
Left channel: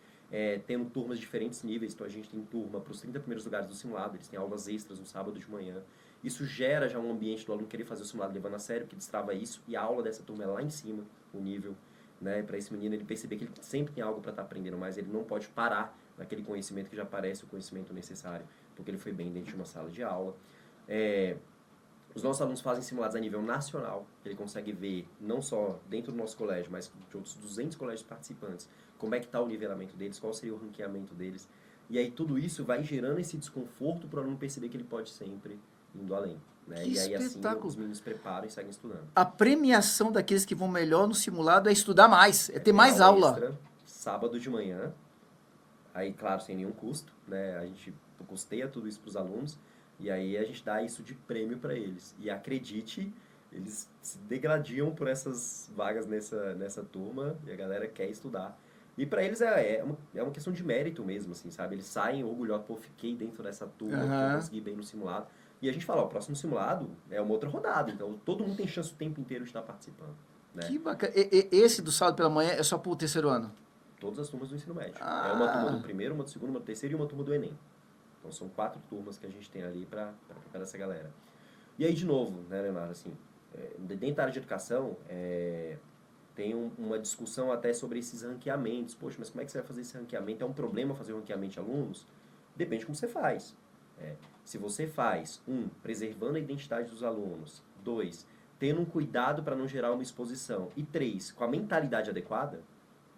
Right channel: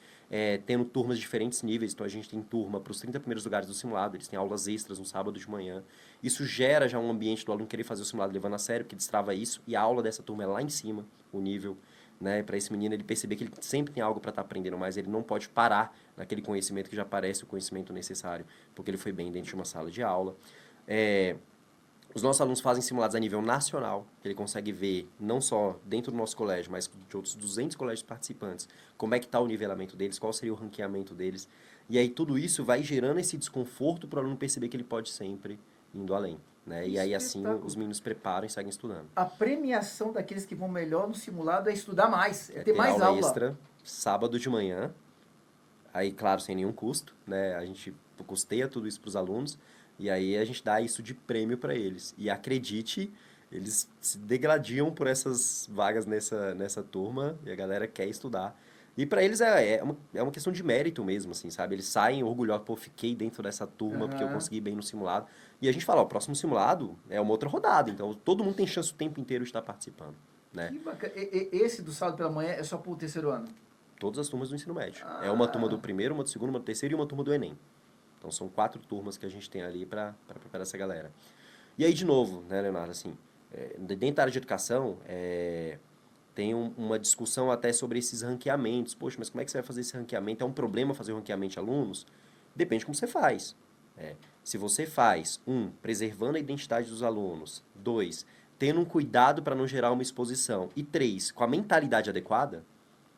tendo turmas de diferentes níveis. Então, a gente tem turma para os 30 primeiros lugares do simulado, eles têm aulas extras no sábado de manhã. Isso gera já um ambiente do aluno querer fazer o simulado levando a sério, que destrava isso. E a aula dessa turma é lá em cima, o nível, né? Para esse menino ele perceber que ele sempre tem algo para estar aprendendo, mas ele não pode parar naquele conhecimento que já parece o conhecimento necessário, porque ele foi bem dentro de uma sala de aula. Os nossos alunos fazem simulados a nível nacional, ele consegue ver, não só dentro do nosso colégio, mas de outros 200 colégios participantes, como é que está o nivelamento deles, qual seria o ranqueamento deles. E aí tudo isso vai gerando esse desconforto para o aluno perceber que ele pode sempre indo além. Né? E aí assim os meninos preparam e seguem estudando. A premiação daqueles que vão melhor no simulado é estudar mais, é ter mais aula. Extra, sábado de manhã, aí claro, sem nenhum custo, né? A gente custeia tudo isso para os alunos. E aí a gente dá isso de prêmio para eles. E acredite, eles se degladiam por essas vagas nessa turma e a galera quer estudar. E para eles é uma questão de mérito mesmo, assim, sabe? Eles saem orgulhosos, pô, fiquei dentro dessa turma porque eu consegui bem no simulado. E a gente fala, ó, o próximo simulado é uma outra rodada, então todo mundo tem chance o tempo inteiro de estar participando. Né? Que bacana. Esse do sábado pela manhã é só pro terceiro ano? Todas as turmas do ensino médio. É uma turma do primeiro, uma do segundo, uma do terceiro e uma turma do Enem. Então, são 4 turmas que a gente tem ali para preparar essa galera. E aí, de novo, né, Leonardo, assim, dentro da área de educação, tem uma discussão até sobre esses ranqueamentos. Poxa, mas como é que você vai fazer esse ranqueamento? É um problema fazer o ranqueamento de alunos? Depende de como você faz. Se você faz, preservando a identidade dos alunos. 2, tendo um cuidado para não gerar uma exposição. E 3, com a mentalidade adequada,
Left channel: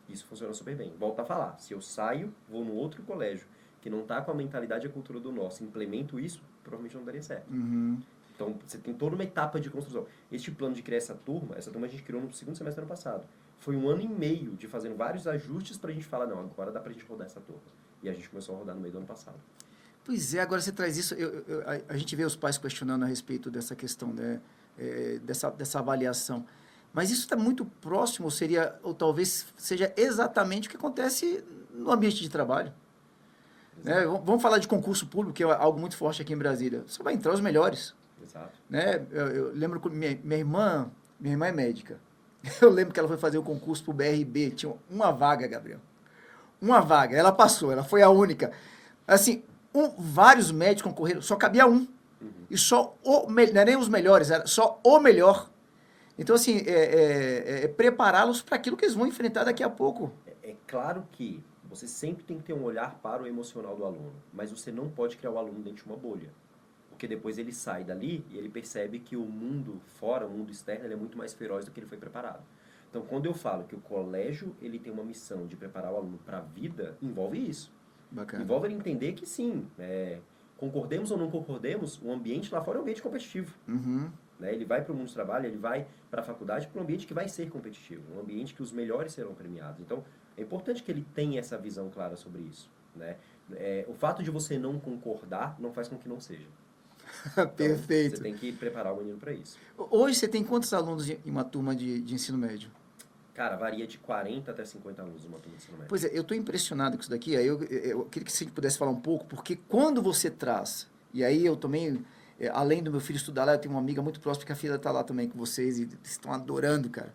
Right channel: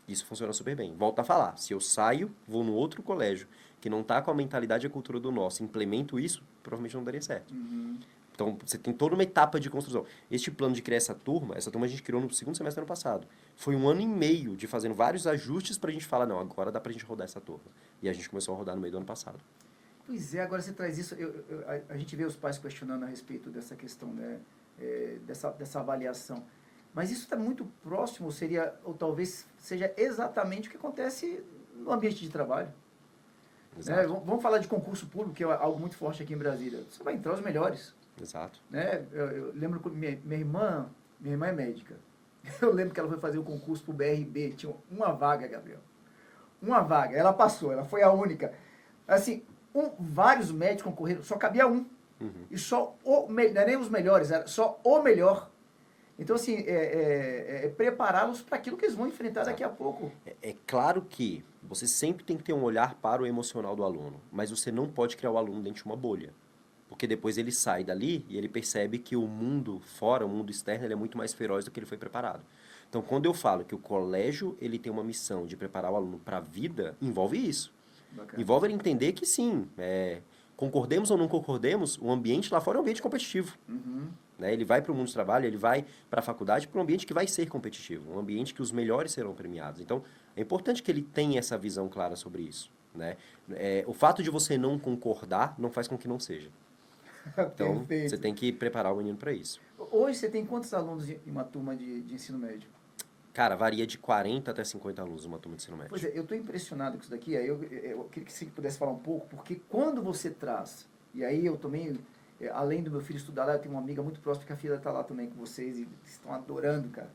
isso funciona super bem. Volto a falar, se eu saio, vou no outro colégio, que não está com a mentalidade e a cultura do nosso, implemento isso, provavelmente não daria certo. Uhum. Então, você tem toda uma etapa de construção. Este plano de criar essa turma a gente criou no segundo semestre do ano passado. Foi 1 ano e meio de fazendo vários ajustes para a gente falar, não, agora dá para a gente rodar essa turma. E a gente começou a rodar no meio do ano passado. Pois é, agora você traz isso, a gente vê os pais questionando a respeito dessa questão, né, dessa avaliação. Mas isso está muito próximo, ou talvez seja exatamente o que acontece no ambiente de trabalho. Vamos falar de concurso público, que é algo muito forte aqui em Brasília. Você vai entrar os melhores. Exato. Né? Eu lembro que minha irmã é médica. Eu lembro que ela foi fazer um concurso para o BRB. Tinha uma vaga, Gabriel. Uma vaga. Ela passou, ela foi a única. Assim, vários médicos concorreram, só cabia um. Uhum. E só não é nem os melhores, era só o melhor. Então, assim, prepará-los para aquilo que eles vão enfrentar daqui a pouco. É claro que você sempre tem que ter um olhar para o emocional do aluno, mas você não pode criar o aluno dentro de uma bolha. Porque depois ele sai dali e ele percebe que o mundo fora, o mundo externo, ele é muito mais feroz do que ele foi preparado. Então, quando eu falo que o colégio ele tem uma missão de preparar o aluno para a vida, envolve isso. Bacana. Envolve ele entender que sim, concordemos ou não concordemos, o ambiente lá fora é um ambiente competitivo. Uhum. Né? Ele vai para o mundo de trabalho, ele vai para a faculdade para um ambiente que vai ser competitivo, um ambiente que os melhores serão premiados. Então, é importante que ele tenha essa visão clara sobre isso. Né? O fato de você não concordar não faz com que não seja. Então, Perfeito. você tem que preparar o menino para isso. Hoje você tem quantos alunos em uma turma de ensino médio? Cara, varia de 40 até 50 alunos uma turma de ensino médio. Pois é, eu estou impressionado com isso daqui. Aí eu queria que você pudesse falar um pouco, porque quando você traz, e aí eu também, além do meu filho estudar lá, eu tenho uma amiga muito próxima que a filha está lá também com vocês e estão adorando, cara.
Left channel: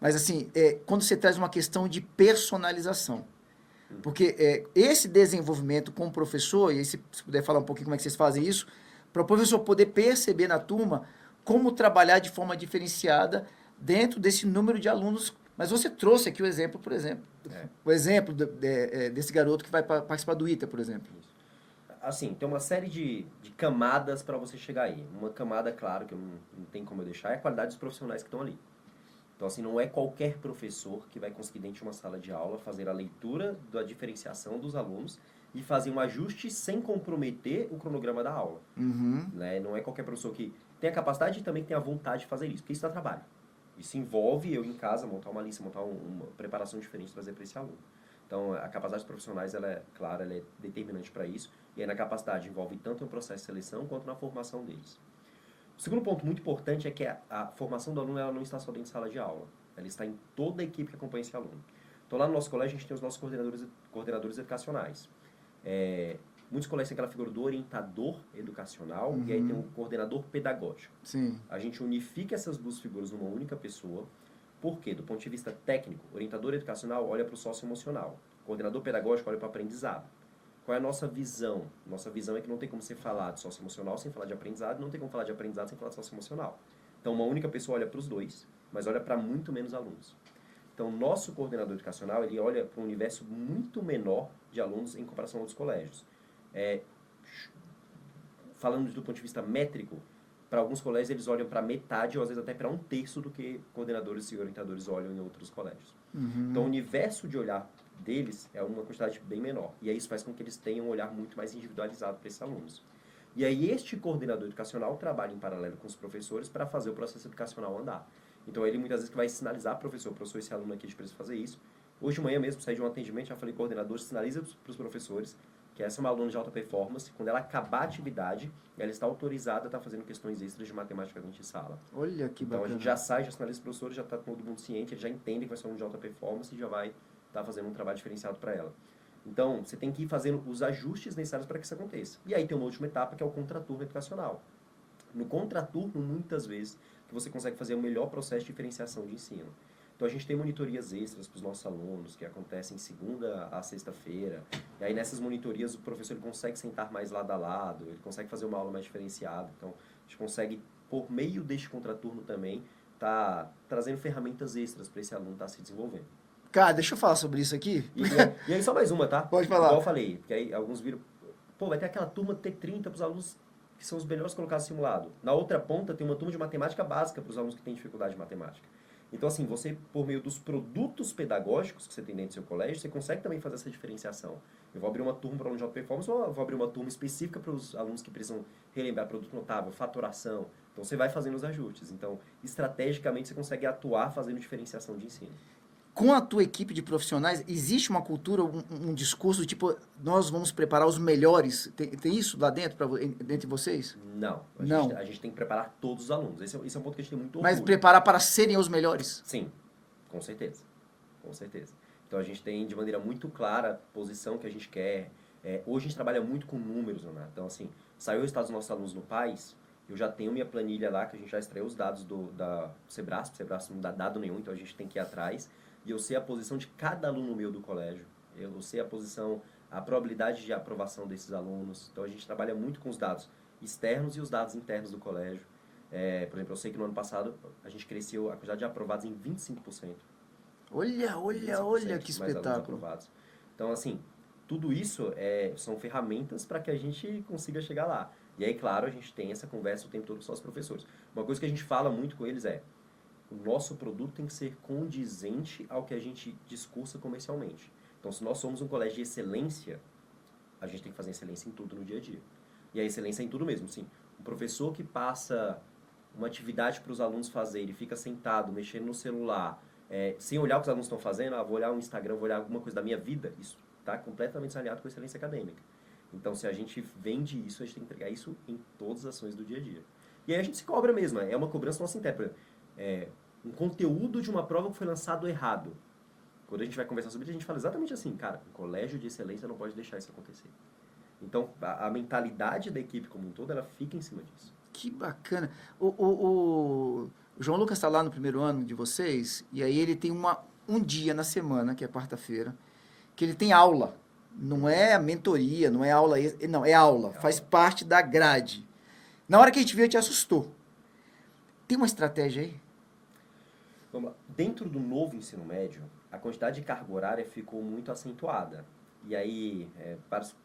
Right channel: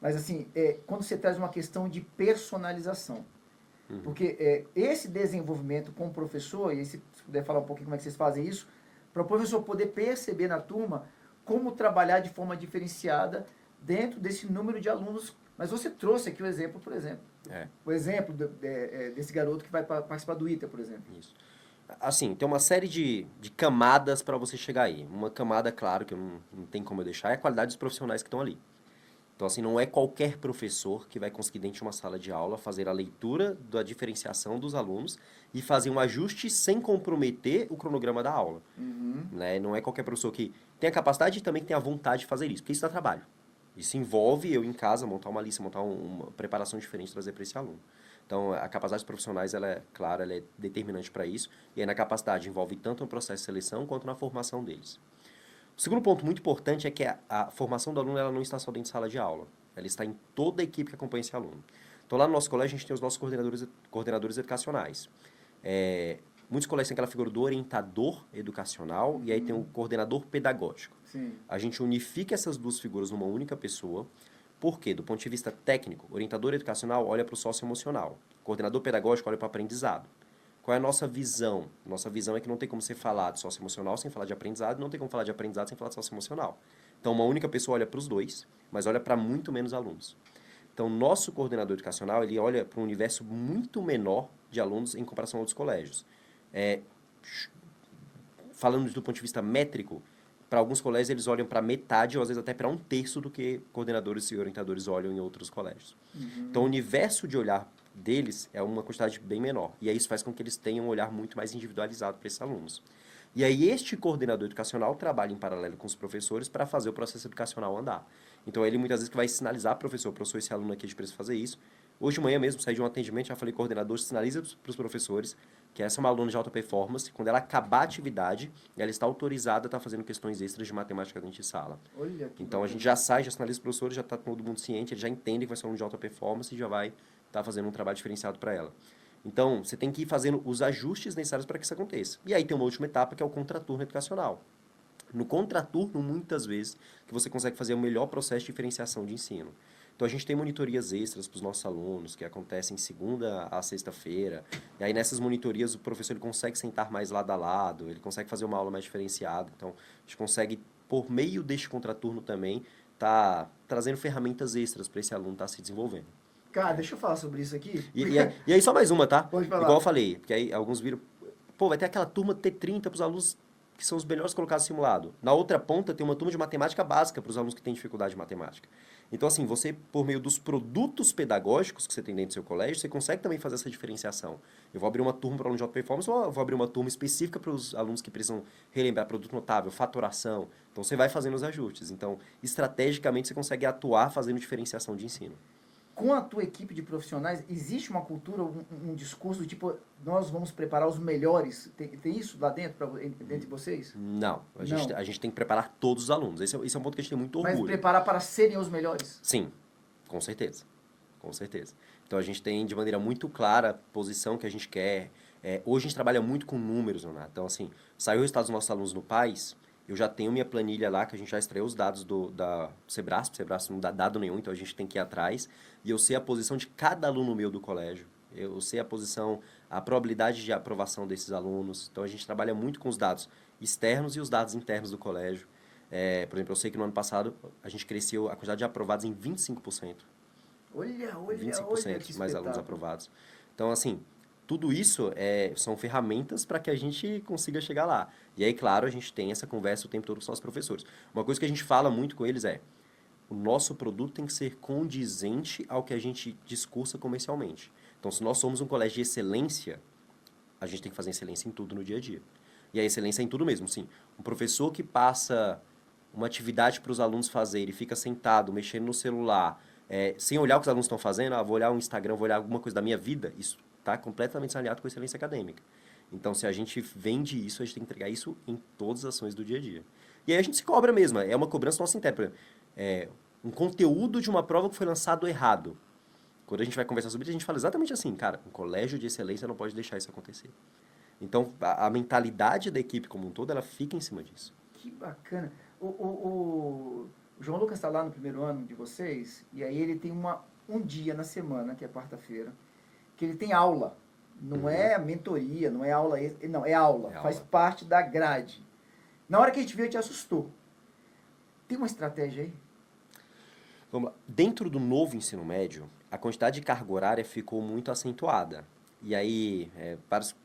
Mas assim, quando você traz uma questão de personalização, porque esse desenvolvimento com o professor, e se puder falar um pouquinho como é que vocês fazem isso, para o professor poder perceber na turma como trabalhar de forma diferenciada dentro desse número de alunos. Mas você trouxe aqui o exemplo, por exemplo. O exemplo desse garoto que vai participar do ITA, por exemplo. Isso. Assim, tem uma série de camadas para você chegar aí. Uma camada, claro, que não tem como eu deixar, é a qualidade dos profissionais que estão ali. Então, assim, não é qualquer professor que vai conseguir, dentro de uma sala de aula, fazer a leitura da diferenciação dos alunos e fazer um ajuste sem comprometer o cronograma da aula. Uhum. Né? Não é qualquer professor que tem a capacidade e também tem a vontade de fazer isso, porque isso dá trabalho. Isso envolve eu em casa montar uma lista, montar uma preparação diferente, trazer para esse aluno. Então, a capacidade dos profissionais, ela é clara, ela é determinante para isso. E aí, na capacidade, envolve tanto no processo de seleção quanto na formação deles. O segundo ponto muito importante é que a formação do aluno ela não está só dentro de sala de aula. Ela está em toda a equipe que acompanha esse aluno. Então, lá no nosso colégio, a gente tem os nossos coordenadores educacionais. Muitos colégios têm aquela figura do orientador educacional e aí tem o coordenador pedagógico. Sim. A gente unifica essas duas figuras numa única pessoa. Por quê? Do ponto de vista técnico, o orientador educacional olha para o socioemocional. O coordenador pedagógico olha para o aprendizado. Qual é a nossa visão? Nossa visão é que não tem como você falar de socioemocional sem falar de aprendizado, não tem como falar de aprendizado sem falar de socioemocional. Então, uma única pessoa olha para os dois, mas olha para muito menos alunos. Então, nosso coordenador educacional, ele olha para um universo muito menor de alunos em comparação a outros colégios. Falando do ponto de vista métrico, para alguns colégios eles olham para metade ou às vezes até para um terço do que coordenadores e orientadores olham em outros colégios. Então, o universo de olhar deles é uma quantidade bem menor. E aí isso faz com que eles tenham um olhar muito mais individualizado para esses alunos. E aí este coordenador educacional trabalha em paralelo com os professores para fazer o processo educacional andar. Então ele muitas vezes que vai sinalizar para o professor, esse aluno aqui a gente precisa fazer isso. Hoje de manhã mesmo, saí de um atendimento, já falei coordenador, sinaliza para os professores que essa é uma aluna de alta performance, quando ela acabar a atividade, ela está autorizada a estar fazendo questões extras de matemática dentro de sala. Olha que Então bacana. a gente já sai, já sinaliza para os professores, já está todo mundo ciente, ele já entende que vai ser um aluno de alta performance e já vai estar fazendo um trabalho diferenciado para ela. Então, você tem que ir fazendo os ajustes necessários para que isso aconteça. E aí tem uma última etapa, que é o contraturno educacional. No contraturno, muitas vezes, que você consegue fazer o melhor processo de diferenciação de ensino. Então, a gente tem monitorias extras para os nossos alunos, que acontecem segunda a sexta-feira. E aí, nessas monitorias, o professor ele consegue sentar mais lado a lado, ele consegue fazer uma aula mais diferenciada. Então, a gente consegue, por meio deste contraturno também, tá trazendo ferramentas extras para esse aluno estar se desenvolvendo. Cara, deixa eu falar sobre isso aqui. E aí, só mais uma, tá? Pode falar. Igual eu falei, porque aí alguns viram, pô, vai ter aquela turma T30 para os alunos que são os melhores colocados no simulado. Na outra ponta, tem uma turma de matemática básica para os alunos que têm dificuldade de matemática. Então, assim, você, por meio dos produtos pedagógicos que você tem dentro do seu colégio, você consegue também fazer essa diferenciação. Eu vou abrir uma turma para aluno de alta performance ou eu vou abrir uma turma específica para os alunos que precisam relembrar produto notável, fatoração. Então, você vai fazendo os ajustes. Então, estrategicamente, você consegue atuar fazendo diferenciação de ensino. Com a tua equipe de profissionais, existe uma cultura, um discurso, tipo, nós vamos preparar os melhores? Tem isso lá dentro, dentro de vocês? Não. Não. A gente tem que preparar todos os alunos. Esse é um ponto que a gente tem muito orgulho. Mas preparar para serem os melhores? Sim, com certeza. Com certeza. Então, a gente tem de maneira muito clara a posição que a gente quer. Hoje, a gente trabalha muito com números, Leonardo. Então, assim, saiu o resultado dos nossos alunos no PAS, eu já tenho minha planilha lá, que a gente já extraiu os dados da Sebrasp. O Sebrasp não dá dado nenhum, então a gente tem que ir atrás. E eu sei a posição de cada aluno meu do colégio. Eu sei a probabilidade de aprovação desses alunos. Então, a gente trabalha muito com os dados externos e os dados internos do colégio. Por exemplo, eu sei que no ano passado a gente cresceu a quantidade de aprovados em 25%. Olha 25% que mais alunos espetáculo. aprovados. Então, assim, tudo isso são ferramentas para que a gente consiga chegar lá. E aí, claro, a gente tem essa conversa o tempo todo com os nossos professores. Uma coisa que a gente fala muito com eles é: o nosso produto tem que ser condizente ao que a gente discursa comercialmente. Então, se nós somos um colégio de excelência, a gente tem que fazer excelência em tudo no dia a dia. E a excelência é em tudo mesmo, sim. Um professor que passa uma atividade para os alunos fazerem e fica sentado, mexendo no celular, sem olhar o que os alunos estão fazendo, vou olhar o Instagram, vou olhar alguma coisa da minha vida, isso está completamente alinhado com a excelência acadêmica. Então, se a gente vende isso, a gente tem que entregar isso em todas as ações do dia a dia. E aí a gente se cobra mesmo, é uma cobrança nossa interna. Um conteúdo de uma prova que foi lançado errado. Quando a gente vai conversar sobre isso, a gente fala exatamente assim, cara, um colégio de excelência não pode deixar isso acontecer. Então, a mentalidade da equipe como um todo, ela fica em cima disso. Que bacana. O João Lucas está lá no primeiro ano de vocês, e aí ele tem um dia na semana, que é quarta-feira, que ele tem aula. Não é a mentoria, não é aula, não, é aula. Faz parte da grade. Na hora que a gente viu, a gente assustou. Tem uma estratégia aí? Dentro do novo ensino médio, a quantidade de carga horária ficou muito acentuada. E aí,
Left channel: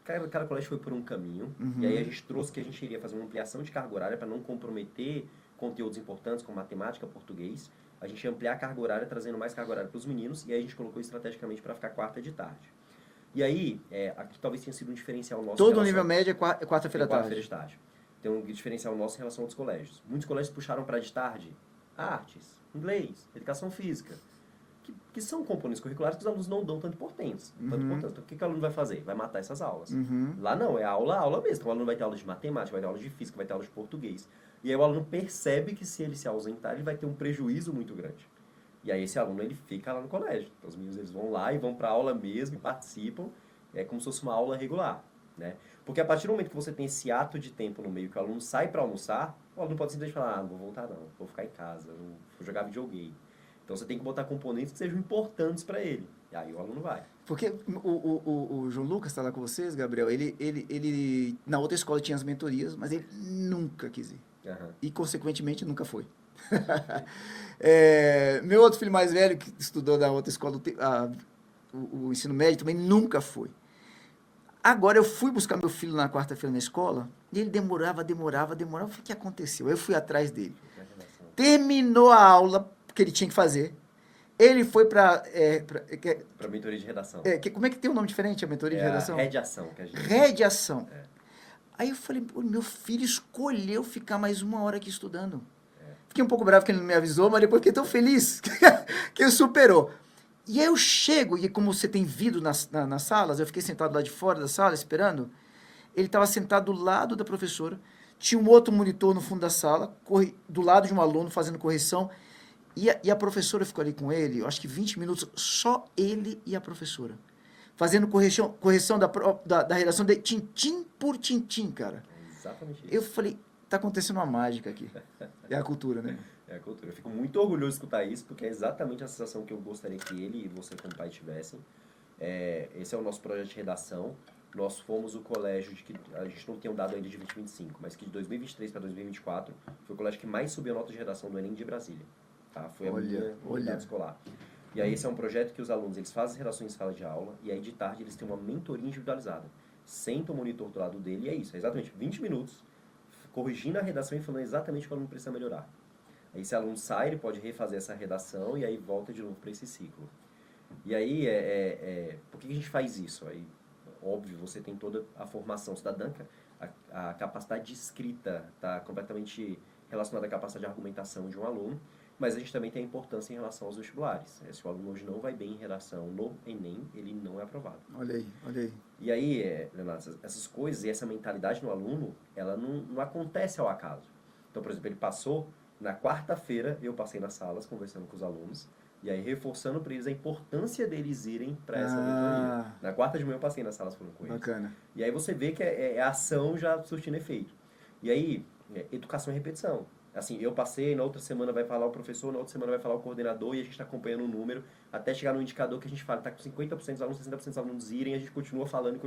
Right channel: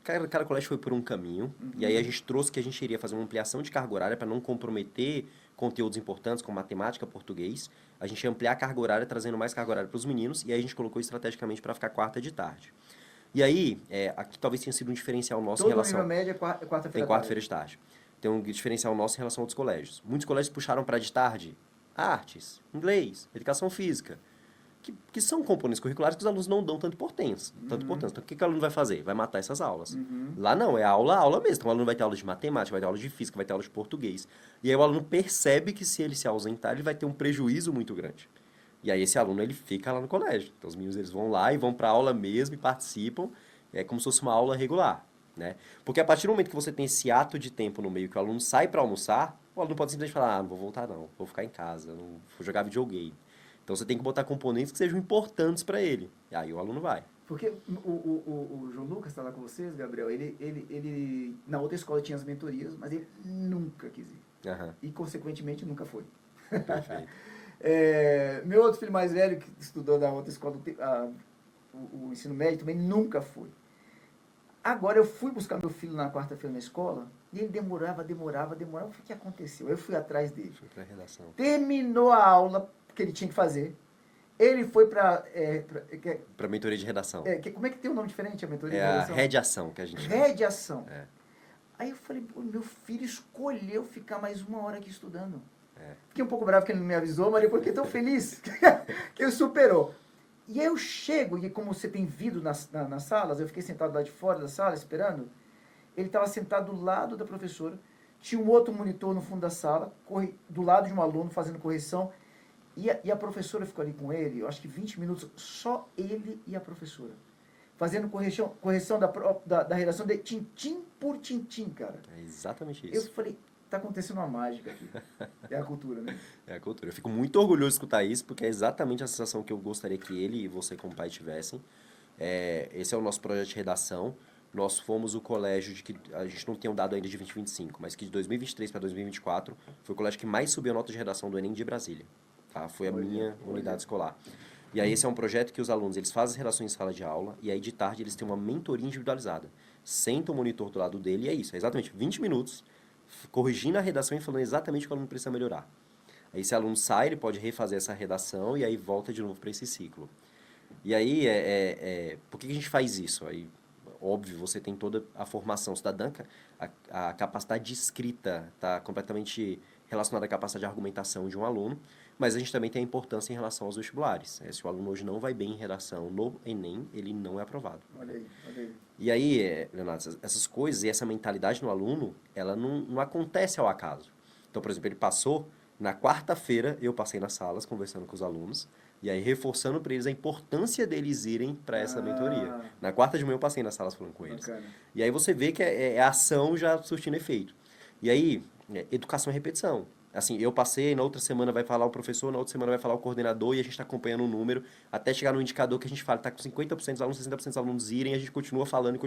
cada colégio foi por um caminho. E aí a gente trouxe que a gente iria fazer uma ampliação de carga horária para não comprometer conteúdos importantes como matemática, português. A gente ia ampliar a carga horária, trazendo mais carga horária para os meninos. E aí a gente colocou estrategicamente para ficar quarta de tarde. E aí, aqui talvez tenha sido um diferencial nosso. Todo nível médio é quarta-feira de tarde. Tem um diferencial nosso em relação a outros colégios. Muitos colégios puxaram para de tarde artes, inglês, educação física, que são componentes curriculares que os alunos não dão tanta importância. Então, o que o aluno vai fazer? Vai matar essas aulas. Lá não, é aula mesmo. Então, o aluno vai ter aula de matemática, vai ter aula de física, vai ter aula de português. E aí o aluno percebe que se ele se ausentar, ele vai ter um prejuízo muito grande. E aí esse aluno, ele fica lá no colégio. Então, os meninos, eles vão lá e vão para a aula mesmo e participam. É como se fosse uma aula regular. né? Porque a partir do momento que você tem esse ato de tempo no meio, que o aluno sai para almoçar, o aluno pode simplesmente falar, não vou voltar não, vou ficar em casa, não vou jogar videogame. Então você tem que botar componentes que sejam importantes para ele. E aí o aluno vai. Porque o João Lucas está lá com vocês, Gabriel, ele na outra escola tinha as mentorias, mas ele nunca quis ir. Aham. E, consequentemente, nunca foi. Perfeito. Meu outro filho mais velho, que estudou na outra escola, o ensino médio, também nunca foi. Agora, eu fui buscar meu filho na quarta-feira na escola, e ele demorava. O que aconteceu? Eu fui atrás dele. Foi pra redação. Terminou a aula que ele tinha que fazer. Ele foi para... Pra mentoria de redação. como é que tem um nome diferente, a mentoria É de a redação? rediação que a gente... Rediação. É. Aí eu falei, pô, meu filho escolheu ficar mais 1 hora aqui estudando. É. Fiquei um pouco bravo que ele não me avisou, mas depois fiquei tão feliz que ele superou. E aí eu chego, e como você tem vidro nas salas, eu fiquei sentado lá de fora da sala esperando. Ele estava sentado do lado da professora, tinha um outro monitor no fundo da sala, do lado de um aluno fazendo correção. E a professora ficou ali com ele, eu acho que 20 minutos, só ele e a professora. Fazendo correção da redação de tintim por tintim, cara. É exatamente Eu isso. falei, tá acontecendo uma mágica aqui. É a cultura, né? É a cultura. Eu fico muito orgulhoso de escutar isso, porque é exatamente a sensação que eu gostaria que ele e você como pai tivessem. Esse é o nosso projeto de redação. Nós fomos o colégio de que a gente não tem um dado ainda de 2025, mas que de 2023 para 2024 foi o colégio que mais subiu a nota de redação do Enem de Brasília. Tá? Foi a minha unidade escolar. E aí esse é um projeto que os alunos, eles fazem as redações em sala de aula, e aí de tarde eles têm uma mentoria individualizada. Senta o monitor do lado dele, e é isso, é exatamente 20 minutos, corrigindo a redação e falando exatamente o que o aluno precisa melhorar. Aí esse aluno sai, ele pode refazer essa redação, e aí volta de novo para esse ciclo. E aí, por que a gente faz isso? Aí, óbvio, você tem toda a formação cidadã, a capacidade de escrita está completamente relacionada à capacidade de argumentação de um aluno, mas a gente também tem a importância em relação aos vestibulares. Se o aluno hoje não vai bem em redação no Enem, ele não é aprovado. Olha aí, olha aí. E aí, Leonardo, essas coisas e essa mentalidade no aluno, ela não acontece ao acaso. Então, por exemplo, ele passou, na quarta-feira eu passei nas salas conversando com os alunos, e aí reforçando para eles a importância deles irem para essa mentoria. Na quarta de manhã eu passei nas salas falando com eles. Bacana. E aí você vê que é ação já surtindo efeito. E aí, educação e repetição. Assim, eu passei, na outra semana vai falar o professor, na outra semana vai falar o coordenador, e a gente está acompanhando o número, até chegar no indicador que a gente fala, está com 50% dos alunos, 60% dos alunos irem, e a gente continua falando,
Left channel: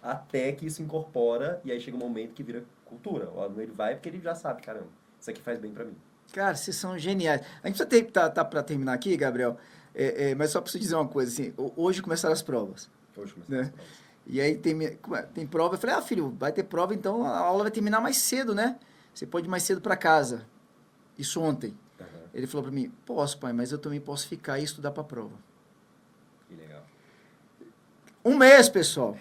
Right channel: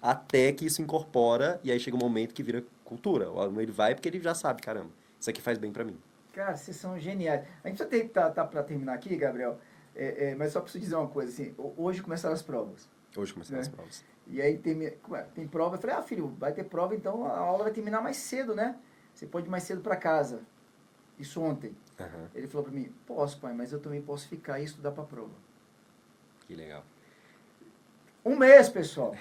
até que isso incorpora, e aí chega um momento que vira cultura. O aluno ele vai porque ele já sabe, caramba, isso aqui faz bem para mim. Cara, vocês são geniais. A gente precisa tá para terminar aqui, Gabriel, mas só preciso dizer uma coisa, assim, hoje começaram as provas. Hoje começam as provas. E aí tem prova, eu falei, filho, vai ter prova, então a aula vai terminar mais cedo, né? Você pode ir mais cedo para casa. Isso ontem. Uhum. Ele falou para mim, posso, pai, mas eu também posso ficar e estudar para a prova. Que legal. 1 mês, pessoal.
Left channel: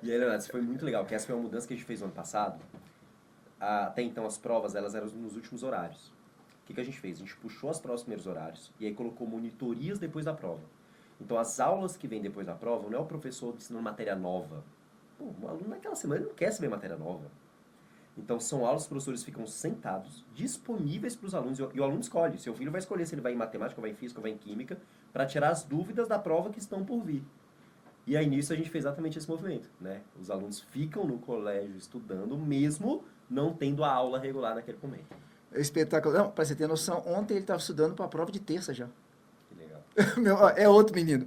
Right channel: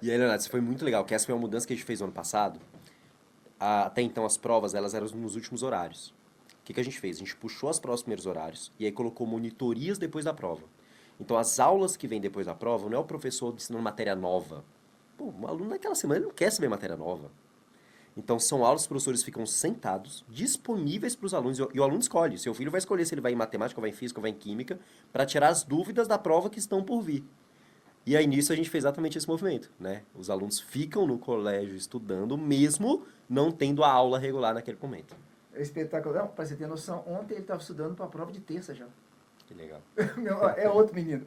E aí, Leonardo, isso foi muito legal, que essa foi uma mudança que a gente fez no ano passado. Até então, as provas, elas eram nos últimos horários. O que a gente fez? A gente puxou as provas nos primeiros horários e aí colocou monitorias depois da prova. Então, as aulas que vêm depois da prova, não é o professor ensinando matéria nova. Pô, o aluno naquela semana ele não quer saber matéria nova. Então, são aulas que os professores ficam sentados, disponíveis para os alunos, e o aluno escolhe. Seu filho vai escolher se ele vai em matemática, ou vai em física, ou vai em química, para tirar as dúvidas da prova que estão por vir. E aí, nisso, a gente fez exatamente esse movimento, né? Os alunos ficam no colégio estudando, mesmo não tendo a aula regular naquele momento. É espetacular. Não, para você ter noção, ontem ele estava estudando para a prova de terça já. Que legal. É outro menino.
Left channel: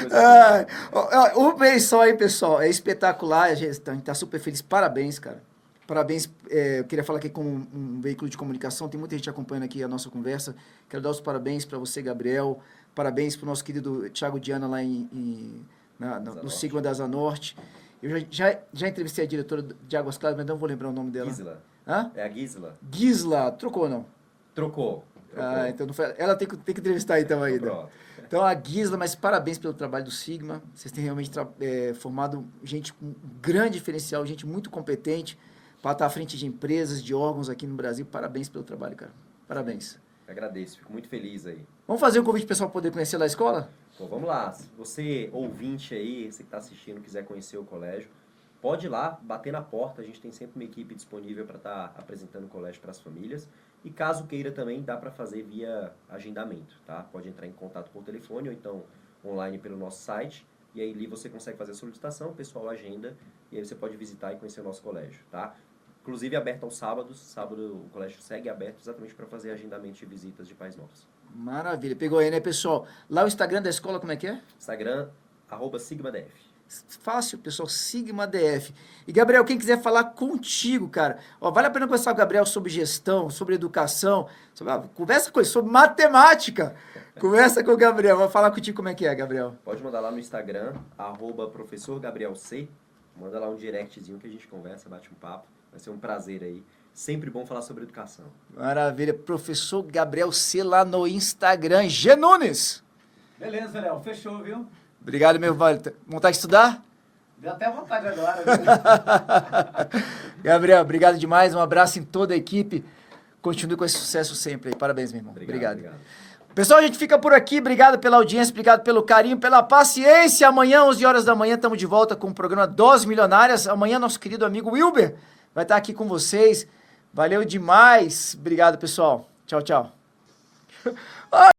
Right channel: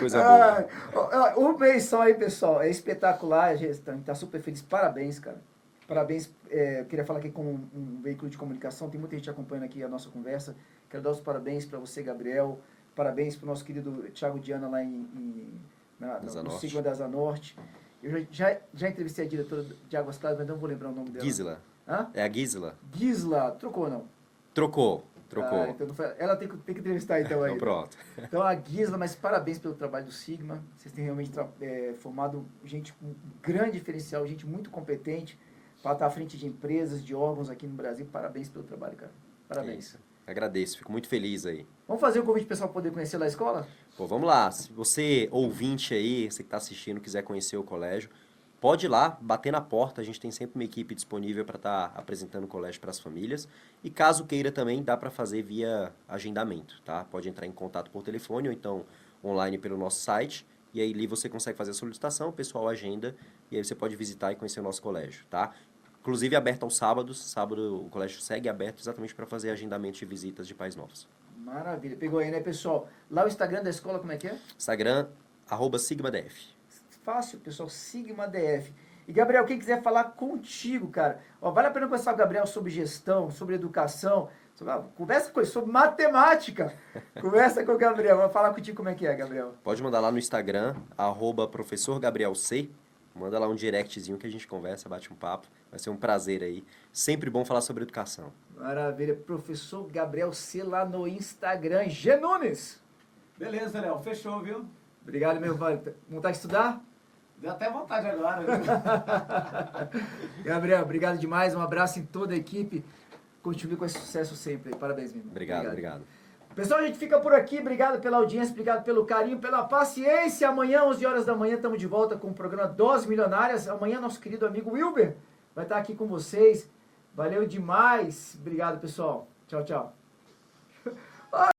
Coisa boa. 1 mês só aí, pessoal. É espetacular. A gente está super feliz. Parabéns, cara. Parabéns. Eu queria falar aqui com um veículo de comunicação. Tem muita gente acompanhando aqui a nossa conversa. Quero dar os parabéns para você, Gabriel. Parabéns para o nosso querido Thiago Diana lá no Sigma da Asa Norte. Eu já entrevistei a diretora de Águas Claras, mas não vou lembrar o nome dela. Gisela. Hã? É a Gisela. Gisela. Trocou ou não? Trocou. Então ela tem que entrevistar então aí. Pronto. Então a Gisela, mas parabéns pelo trabalho do Sigma. Vocês têm realmente formado gente com grande diferencial, gente muito competente para estar à frente de empresas, de órgãos aqui no Brasil. Parabéns pelo trabalho, cara. Parabéns. Agradeço, fico muito feliz aí. Vamos fazer um convite para o pessoal poder conhecer lá a escola? Pô, vamos lá. Se você, ouvinte aí, você que está assistindo, quiser conhecer o colégio, pode ir lá, bater na porta. A gente tem sempre uma equipe disponível para estar apresentando o colégio para as famílias. E caso queira também, dá para fazer via agendamento, tá? Pode entrar em contato por telefone ou então online pelo nosso site, e aí ali você consegue fazer a solicitação, o pessoal agenda, e aí você pode visitar e conhecer o nosso colégio, tá? Inclusive aberto aos sábados, sábado o colégio segue aberto exatamente para fazer agendamento de visitas de pais novos. Maravilha, pegou aí, né, pessoal? Lá o Instagram da escola, como é que é? Instagram, @SigmaDF. Fácil, pessoal, Sigma DF. E, Gabriel, quem quiser falar contigo, cara, ó, vale a pena conversar com o Gabriel sobre gestão, sobre educação, conversa com ele sobre matemática. Conversa com o Gabriel, vou falar contigo como é que é, Gabriel. Pode mandar lá no Instagram, @ProfessorGabrielC. Manda lá um directzinho que a gente conversa, bate um papo. Vai ser um prazer aí. Sempre bom falar sobre educação. Maravilha, professor Gabriel C lá no Instagram. G Nunes. Beleza, Léo. Fechou, viu? Obrigado, meu velho. Vontade de estudar? Deu até vontade agora. Gabriel, obrigado demais. Um abraço em toda a equipe. Continue com esse sucesso sempre aí. Parabéns, meu irmão. Obrigado. Pessoal, a gente fica por aqui. Obrigado pela audiência, obrigado pelo carinho, pela paciência. Amanhã, 11 horas da manhã, estamos de volta com o programa Doses Milionárias. Amanhã, nosso querido amigo Wilber vai estar aqui com vocês. Valeu demais. Obrigado, pessoal. Tchau, tchau.